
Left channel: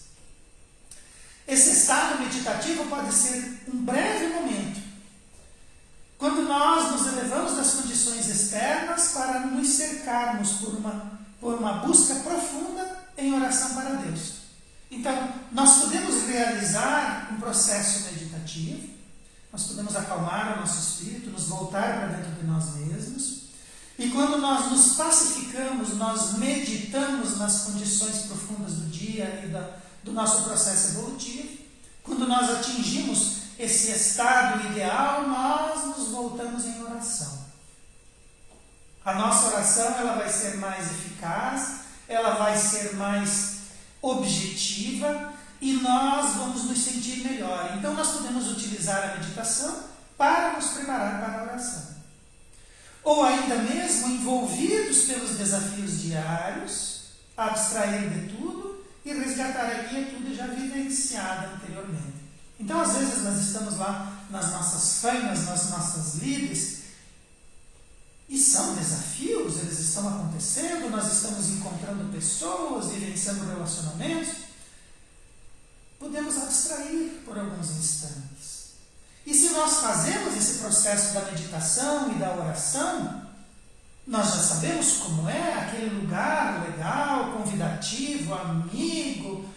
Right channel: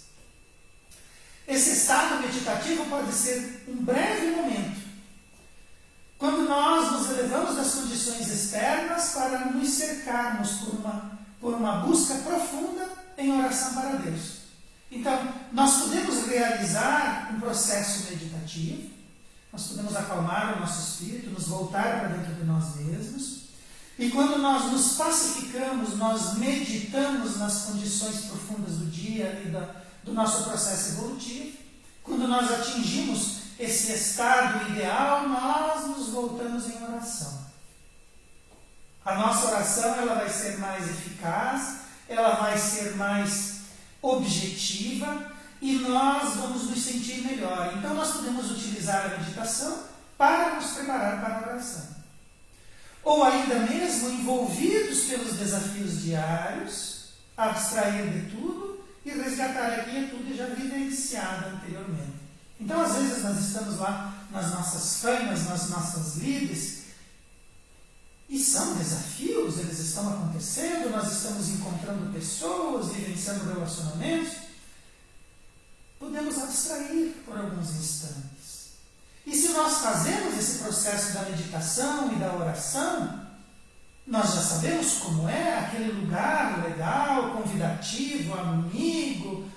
Esse estado meditativo pode ser um breve momento, quando nós nos elevamos das condições externas para nos cercarmos por uma busca profunda em oração para Deus. Então, nós podemos realizar um processo meditativo, nós podemos acalmar o nosso espírito, nos voltar para dentro de nós mesmos, e quando nós nos pacificamos, nós meditamos nas condições profundas do dia e do nosso processo evolutivo, quando nós atingimos esse estado ideal, nós nos voltamos em oração. A nossa oração ela vai ser mais eficaz, ela vai ser mais objetiva e nós vamos nos sentir melhor. Então nós podemos utilizar a meditação para nos preparar para a oração. Ou ainda mesmo envolvidos pelos desafios diários, abstrair de tudo e resgatar a quietude já vivenciada anteriormente. Então, às vezes, nós estamos lá nas nossas famas, nas nossas lides, e são desafios, eles estão acontecendo, nós estamos encontrando pessoas, vivenciando relacionamentos. Podemos abstrair por alguns instantes. E se nós processo da meditação e da oração, nós já sabemos como é aquele lugar legal, convidativo, amigo,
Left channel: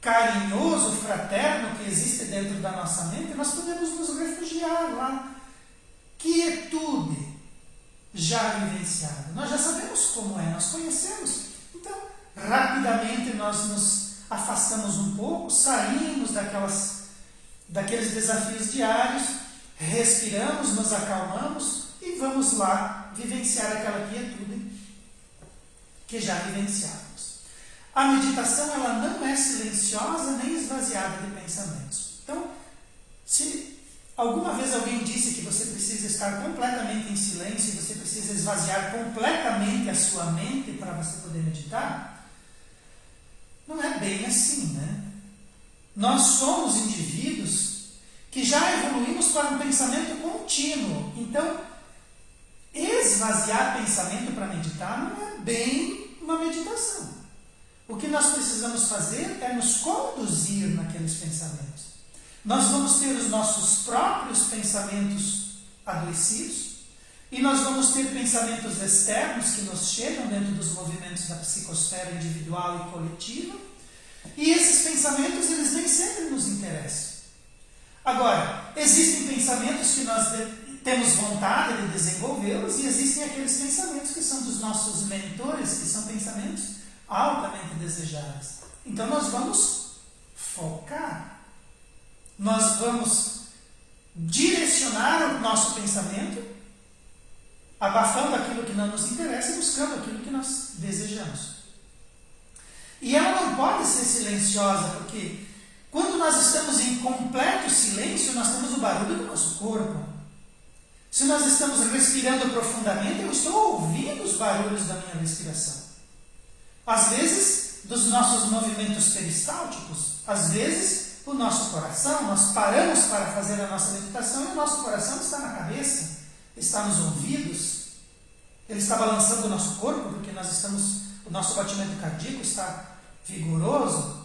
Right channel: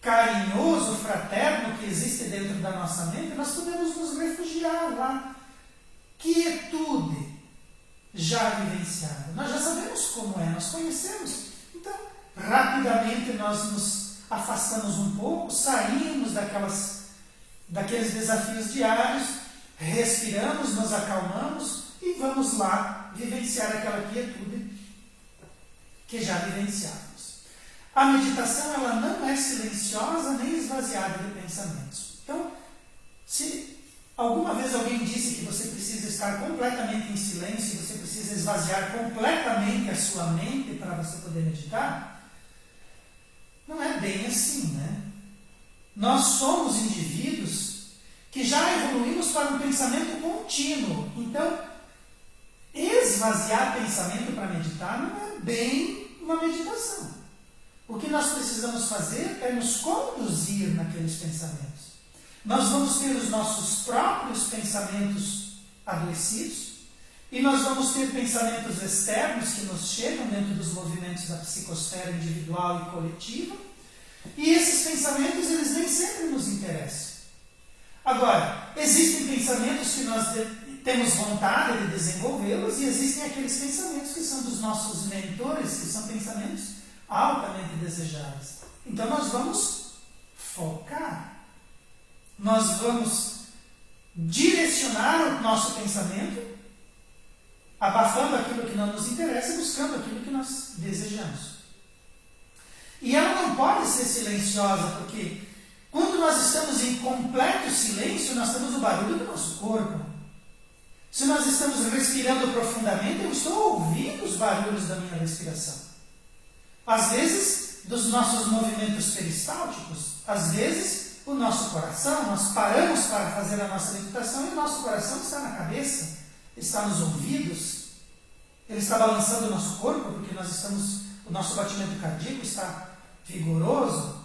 carinhoso, fraterno que existe dentro da nossa mente. Nós podemos nos refugiar lá. Quietude já vivenciada. Nós já sabemos como é, nós conhecemos. Então, rapidamente nós nos afastamos um pouco, saímos daqueles desafios diários, respiramos, nos acalmamos e vamos lá vivenciar aquela quietude que já vivenciamos. A meditação ela não é silenciosa nem esvaziada de pensamentos. Então, se alguma vez alguém disse que você precisa estar completamente em silêncio, você precisa esvaziar completamente a sua mente para você poder meditar, não é bem assim, né? Nós somos indivíduos que já evoluímos para um pensamento contínuo. Então, esvaziar pensamento para meditar não é bem uma meditação. O que nós precisamos fazer é nos conduzir naqueles pensamentos. Nós vamos ter os nossos próprios pensamentos adoecidos e nós vamos ter pensamentos externos que nos chegam dentro dos movimentos da psicosfera individual e coletiva, e esses pensamentos eles nem sempre nos interessam. Agora, existem pensamentos que nós temos vontade de desenvolvê-los e existem aqueles pensamentos que são dos nossos mentores, que são pensamentos altamente desejáveis. Então nós vamos focar. Nós vamos direcionar o nosso pensamento, abafando aquilo que não nos interessa e buscando aquilo que nós desejamos. E ela não pode ser silenciosa, porque quando nós estamos em completo silêncio, nós temos o barulho do nosso corpo. Se nós estamos respirando profundamente, eu estou ouvindo os barulhos da minha respiração. Às vezes, dos nossos movimentos peristálticos, às vezes, o nosso coração, nós paramos para fazer a nossa meditação e o nosso coração está na cabeça, está nos ouvidos, ele está balançando o nosso corpo, porque o nosso batimento cardíaco está vigoroso.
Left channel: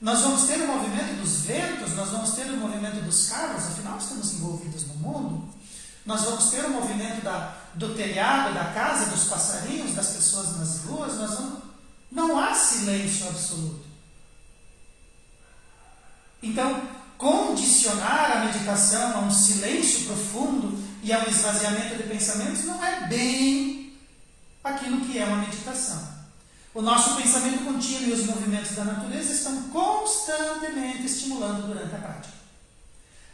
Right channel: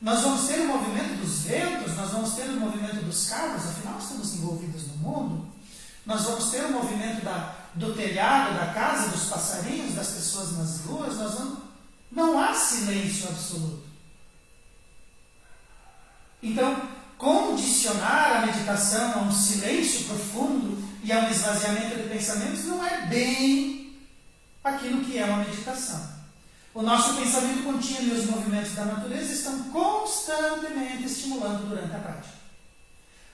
Nós vamos ter o movimento dos ventos, nós vamos ter o movimento dos carros, afinal estamos envolvidos no mundo. Nós vamos ter o movimento do telhado, da casa, dos passarinhos, das pessoas nas ruas. Não há silêncio absoluto. Então, condicionar a meditação a um silêncio profundo e a um esvaziamento de pensamentos não é bem aquilo que é uma meditação. O nosso pensamento contínuo e os movimentos da natureza estão constantemente estimulando durante a prática.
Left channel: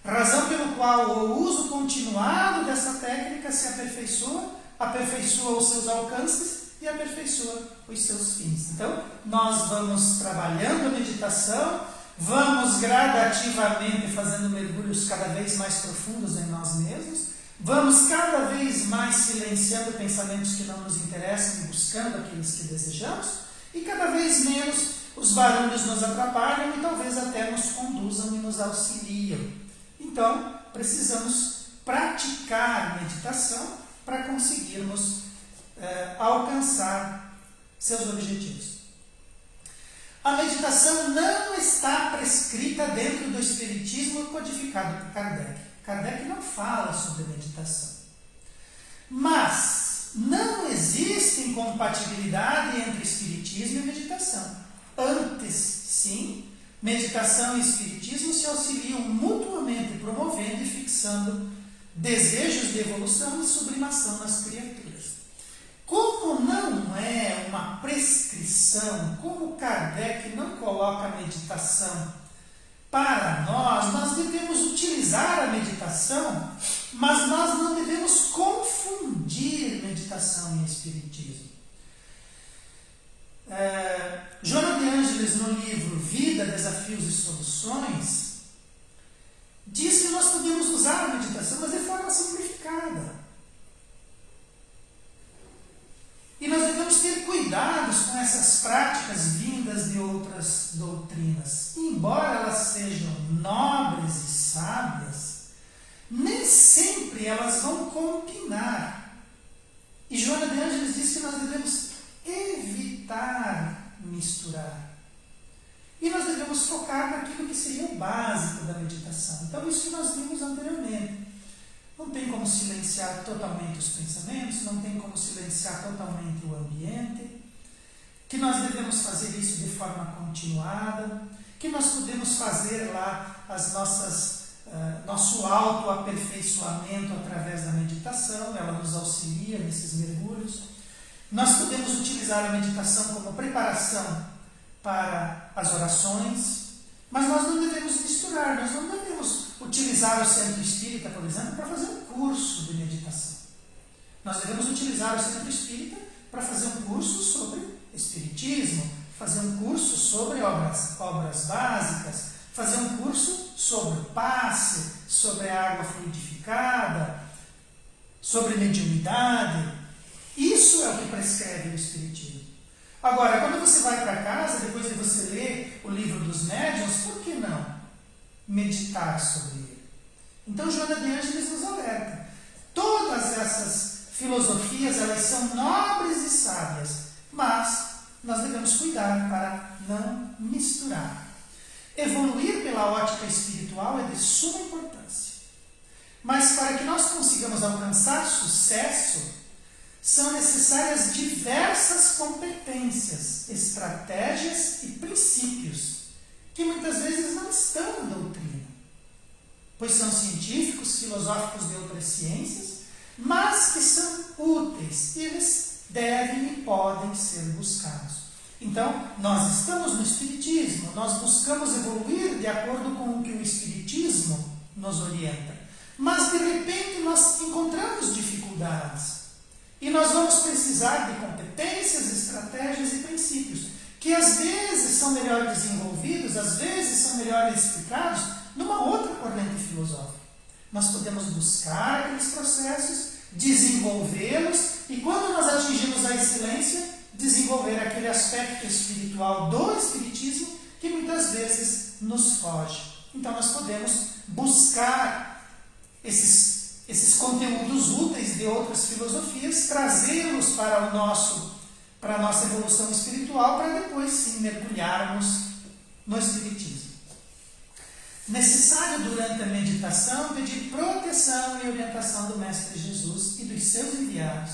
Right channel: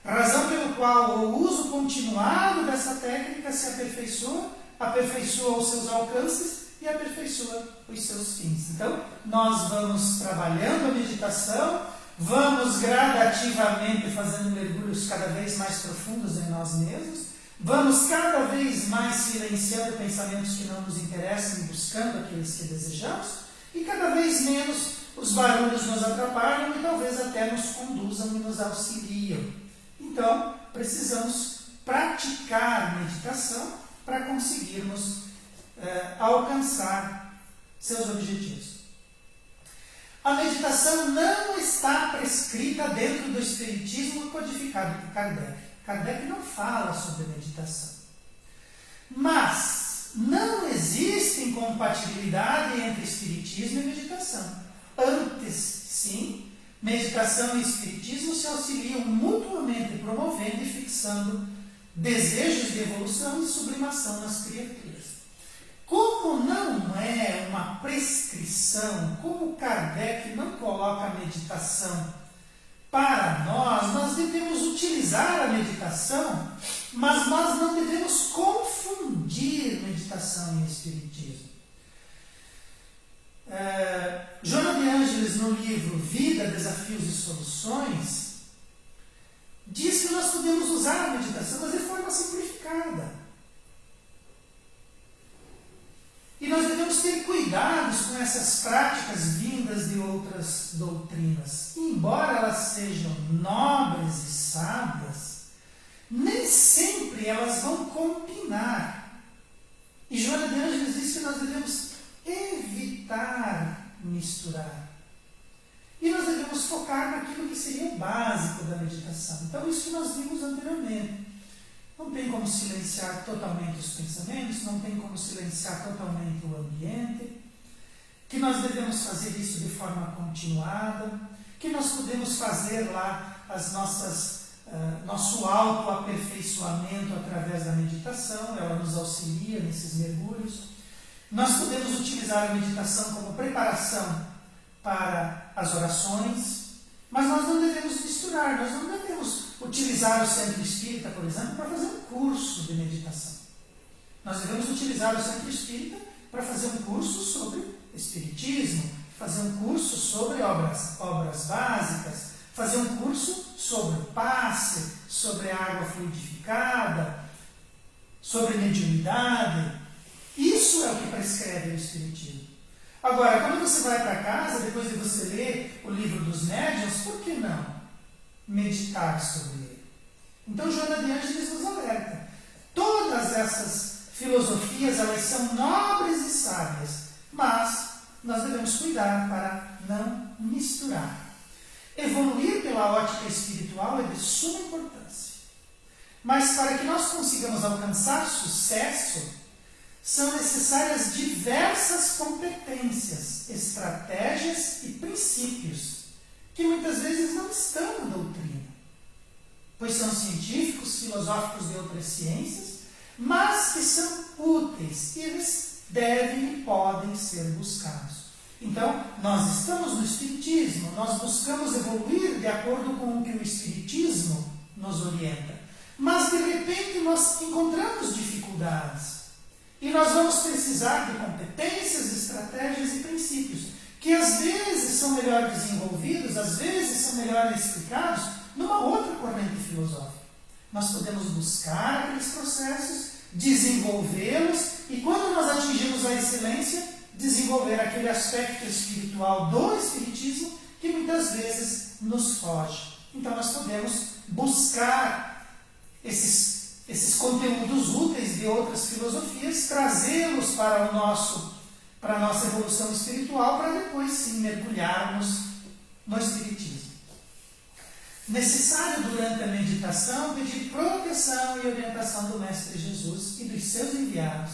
Razão pelo qual o uso continuado dessa técnica se aperfeiçoa os seus alcances e aperfeiçoa os seus fins. Então, nós vamos trabalhando a meditação, vamos gradativamente fazendo mergulhos cada vez mais profundos em nós mesmos, vamos cada vez mais silenciando pensamentos que não nos interessam e buscando aqueles que desejamos, e cada vez menos os barulhos nos atrapalham e talvez até nos conduzam e nos auxiliam. Então, precisamos praticar meditação para conseguirmos alcançar seus objetivos. A meditação não está prescrita dentro do espiritismo codificado por Kardec. Kardec não fala sobre meditação. Mas não existe incompatibilidade entre espiritismo e meditação. Antes, sim, meditação e espiritismo se auxiliam mutuamente, promovendo e fixando desejos de evolução e sublimação nas criaturas. Como não é uma prescrição, como Kardec não coloca a meditação para nós devemos utilizar a meditação, mas nós não devemos confundir meditação e espiritismo. Joana de Ângeles, no livro Vida, Desafios e Soluções, diz que nós podemos usar a meditação, mas de forma simplificada. E nós devemos ter cuidados com essas práticas vindas de outras doutrinas. Embora elas sejam nobres e sábias, nem sempre elas vão combinar. E Joana de Ângeles diz que nós devemos evitar misturar. E nós devemos focar naquilo que seria o básico da meditação. Então, isso nós vimos anteriormente. Não tem como silenciar totalmente os pensamentos, não tem como silenciar totalmente o ambiente, que nós devemos fazer isso de forma continuada, que nós podemos fazer lá nosso autoaperfeiçoamento através da meditação, ela nos auxilia nesses mergulhos. Nós podemos utilizar a meditação como preparação para as orações, mas nós não devemos misturar, nós não devemos utilizar o Centro Espírita, por exemplo, para fazer um curso de meditação. Nós devemos utilizar o Centro Espírita para fazer um curso sobre Espiritismo, fazer um curso sobre obras básicas, fazer um curso sobre o passe, sobre a água fluidificada, sobre mediunidade. Isso é o que prescreve o Espiritismo. Agora, quando você vai para casa, depois de você ler o livro dos médiuns, por que não meditar sobre ele? Então, Joana de Ângeles nos alerta. Todas essas filosofias, elas são nobres e sábias, mas nós devemos cuidar para não misturar. Evoluir pela ótica espiritual é de suma importância. Mas para que nós consigamos alcançar sucesso, são necessárias diversas competências, estratégias e princípios, que muitas vezes não estão em doutrina, pois são científicos, filosóficos de outras ciências, mas que são úteis, e eles devem e podem ser buscados. Então, nós estamos no Espiritismo, nós buscamos evoluir de acordo com o que o Espiritismo nos orienta, mas de repente nós encontramos dificuldades. E nós vamos precisar de competências, estratégias e princípios, que às vezes são melhor desenvolvidos, às vezes são melhor explicados numa outra corrente filosófica. Nós podemos buscar aqueles processos, desenvolvê-los, e quando nós atingimos a excelência, desenvolver aquele aspecto espiritual do Espiritismo que muitas vezes nos foge. Então nós podemos buscar esses conteúdos úteis de outras filosofias, trazê-los para a nossa evolução espiritual, para depois sim mergulharmos no Espiritismo. Necessário durante a meditação pedir proteção e orientação do Mestre Jesus e dos seus enviados,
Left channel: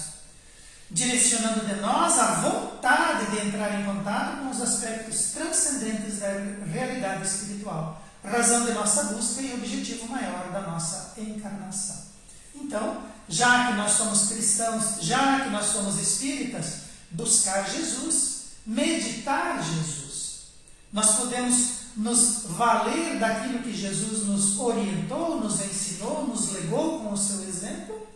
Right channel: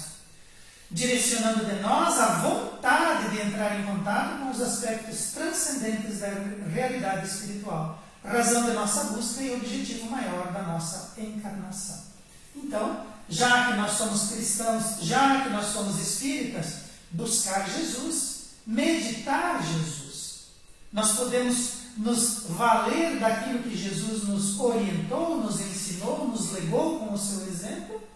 direcionando de nós a vontade de entrar em contato com os aspectos transcendentes da realidade espiritual, razão de nossa busca e objetivo maior da nossa encarnação. Então, já que nós somos cristãos, já que nós somos espíritas, buscar Jesus, meditar Jesus. Nós podemos nos valer daquilo que Jesus nos orientou, nos ensinou, nos legou com o seu exemplo,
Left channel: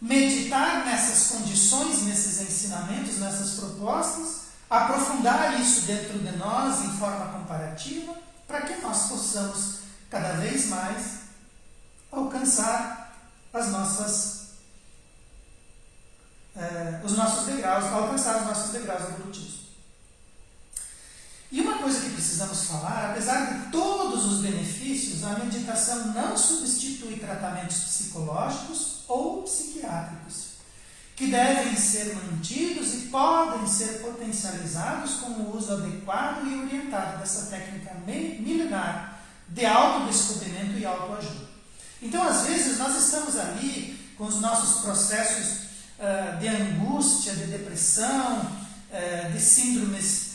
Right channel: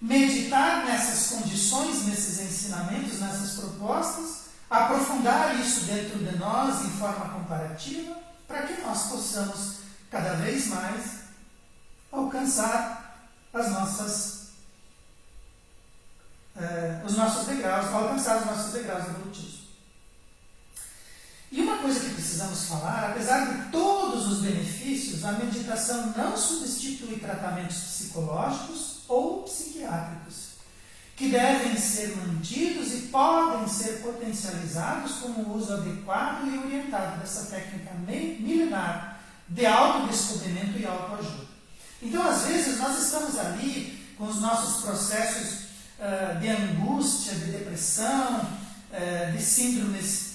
meditar nessas condições, nesses ensinamentos, nessas propostas, aprofundar isso dentro de nós em forma comparativa, para que nós possamos cada vez mais alcançar os nossos degraus evolutivos. E uma coisa que precisamos falar, apesar de todos os benefícios, a meditação não substitui tratamentos psicológicos ou psiquiátricos, que devem ser mantidos e podem ser potencializados com o uso adequado e orientado dessa técnica milenar de autodescobrimento e autoajuda. Então, às vezes, nós estamos ali com os nossos processos de angústia, de depressão, de síndromes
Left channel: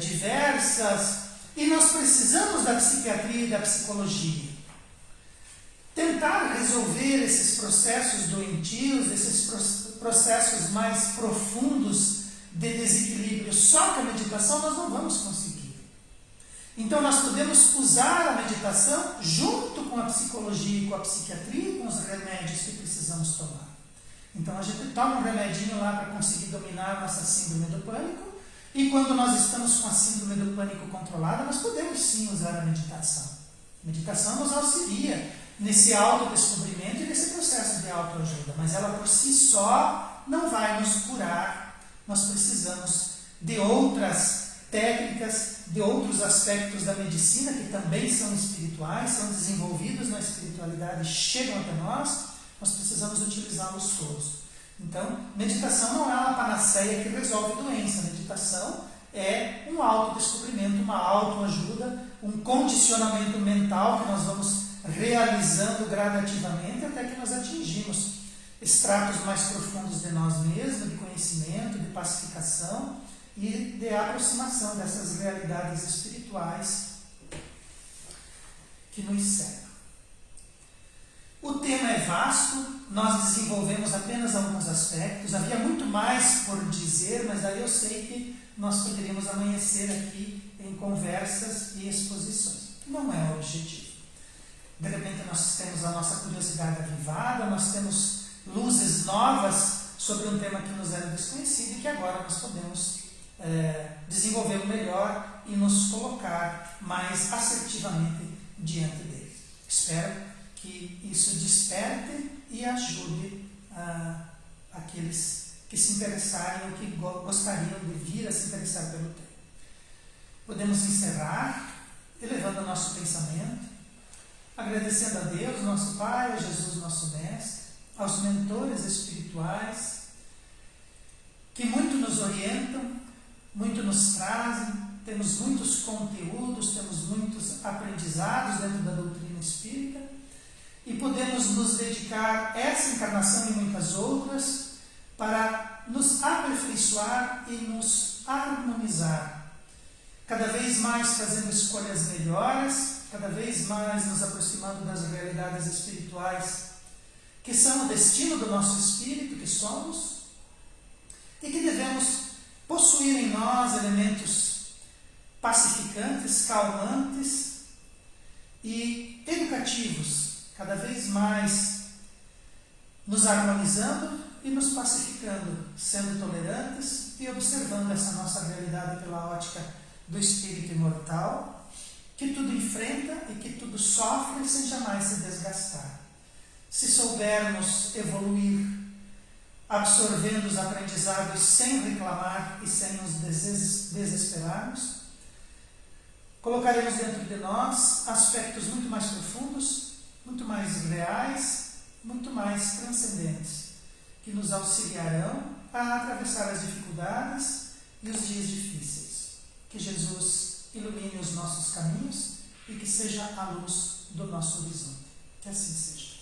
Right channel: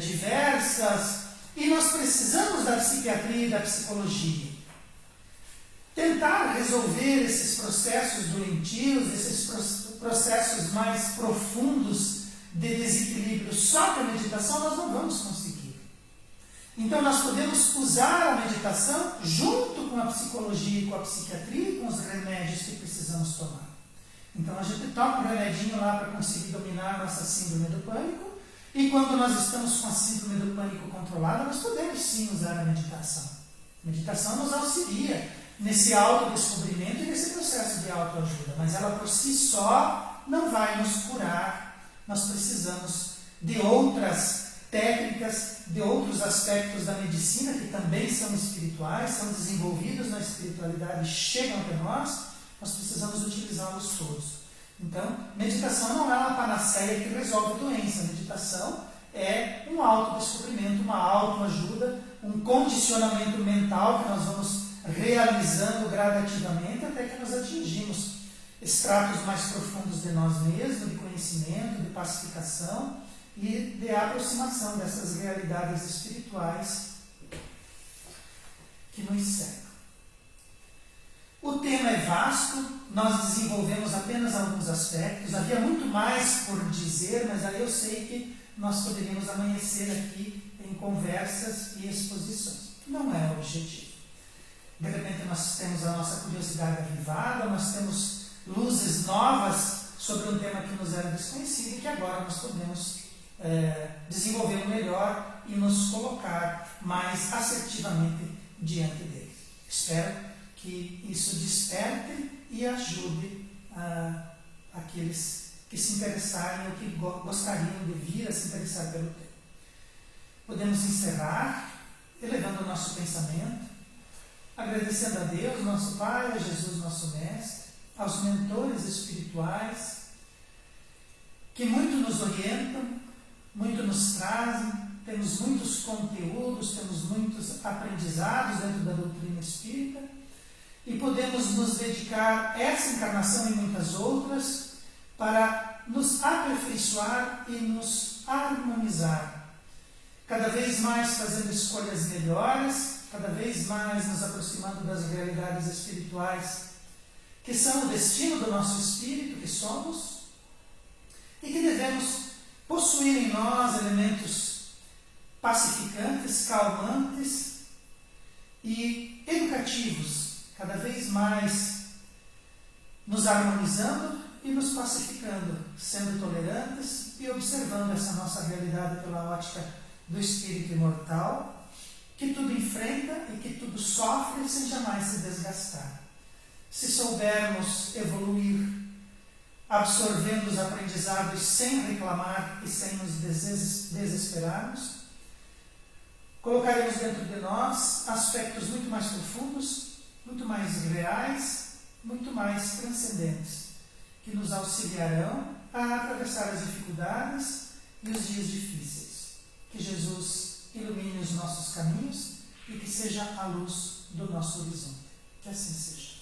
diversas, e nós precisamos da psiquiatria e da psicologia. Tentar resolver esses processos doentios, esses processos mais profundos de desequilíbrio só com a meditação, nós não vamos conseguir. Então, nós podemos usar a meditação junto com a psicologia e com a psiquiatria e com os remédios que precisamos tomar. Então, a gente toma um remedinho lá para conseguir dominar a nossa síndrome do pânico, e quando nós estamos com a síndrome do pânico controlada, nós podemos sim usar a meditação. A meditação nos auxilia nesse autodescobrimento e nesse processo de autoajuda, mas ela por si só não vai nos curar. Nós precisamos de outras técnicas, de outros aspectos da medicina que também são espirituais, são desenvolvidos na espiritualidade, chegam até nós precisamos utilizá-los todos. Então, meditação não é uma panaceia que resolve doença. Meditação é um autodescobrimento, uma autoajuda, um condicionamento mental que nós vamos realizando gradativamente até que nós atingimos estratos mais profundos de nós mesmos, de conhecimento, de pacificação e de aproximação dessas realidades espirituais que nos cercam. O tema é vasto, nós desenvolvemos apenas alguns aspectos, havia muito mais por dizer, mas aí eu sei que nós poderíamos amanhecer aqui em conversas e exposições. Não é o objetivo. De repente nós temos a nossa curiosidade avivada, nós temos luzes novas sobre um tema que nos era desconhecido e que agora nós podemos desenvolver melhor e nos colocar mais assertivamente diante dele. Espero que isso desperte e ajude aqueles que se interessarem ou que gostariam de vir a se interessar pelo tema. Podemos encerrar elevando o nosso pensamento, agradecendo a Deus, nosso Pai, a Jesus, nosso Mestre, aos mentores espirituais que muito nos orientam, muito nos trazem, temos muitos conteúdos, temos muitos aprendizados dentro da doutrina espírita e podemos nos dedicar essa encarnação e muitas outras para nos aperfeiçoar e nos harmonizar, cada vez mais fazendo escolhas melhores, cada vez mais nos aproximando das realidades espirituais que são o destino do nosso espírito, que somos, e que devemos possuir em nós elementos pacificantes, calmantes e educativos, cada vez mais nos harmonizando e nos pacificando, sendo tolerantes e observando essa nossa realidade pela ótica do espírito imortal, que tudo enfrenta e que tudo sofre sem jamais se desgastar. Se soubermos evoluir, absorvendo os aprendizados sem reclamar e sem nos desesperarmos, colocaremos dentro de nós aspectos muito mais profundos, muito mais reais, muito mais transcendentes, que nos auxiliarão a atravessar as dificuldades e os dias difíceis. Que Jesus ilumine os nossos caminhos e que seja a luz do nosso horizonte. Que assim seja.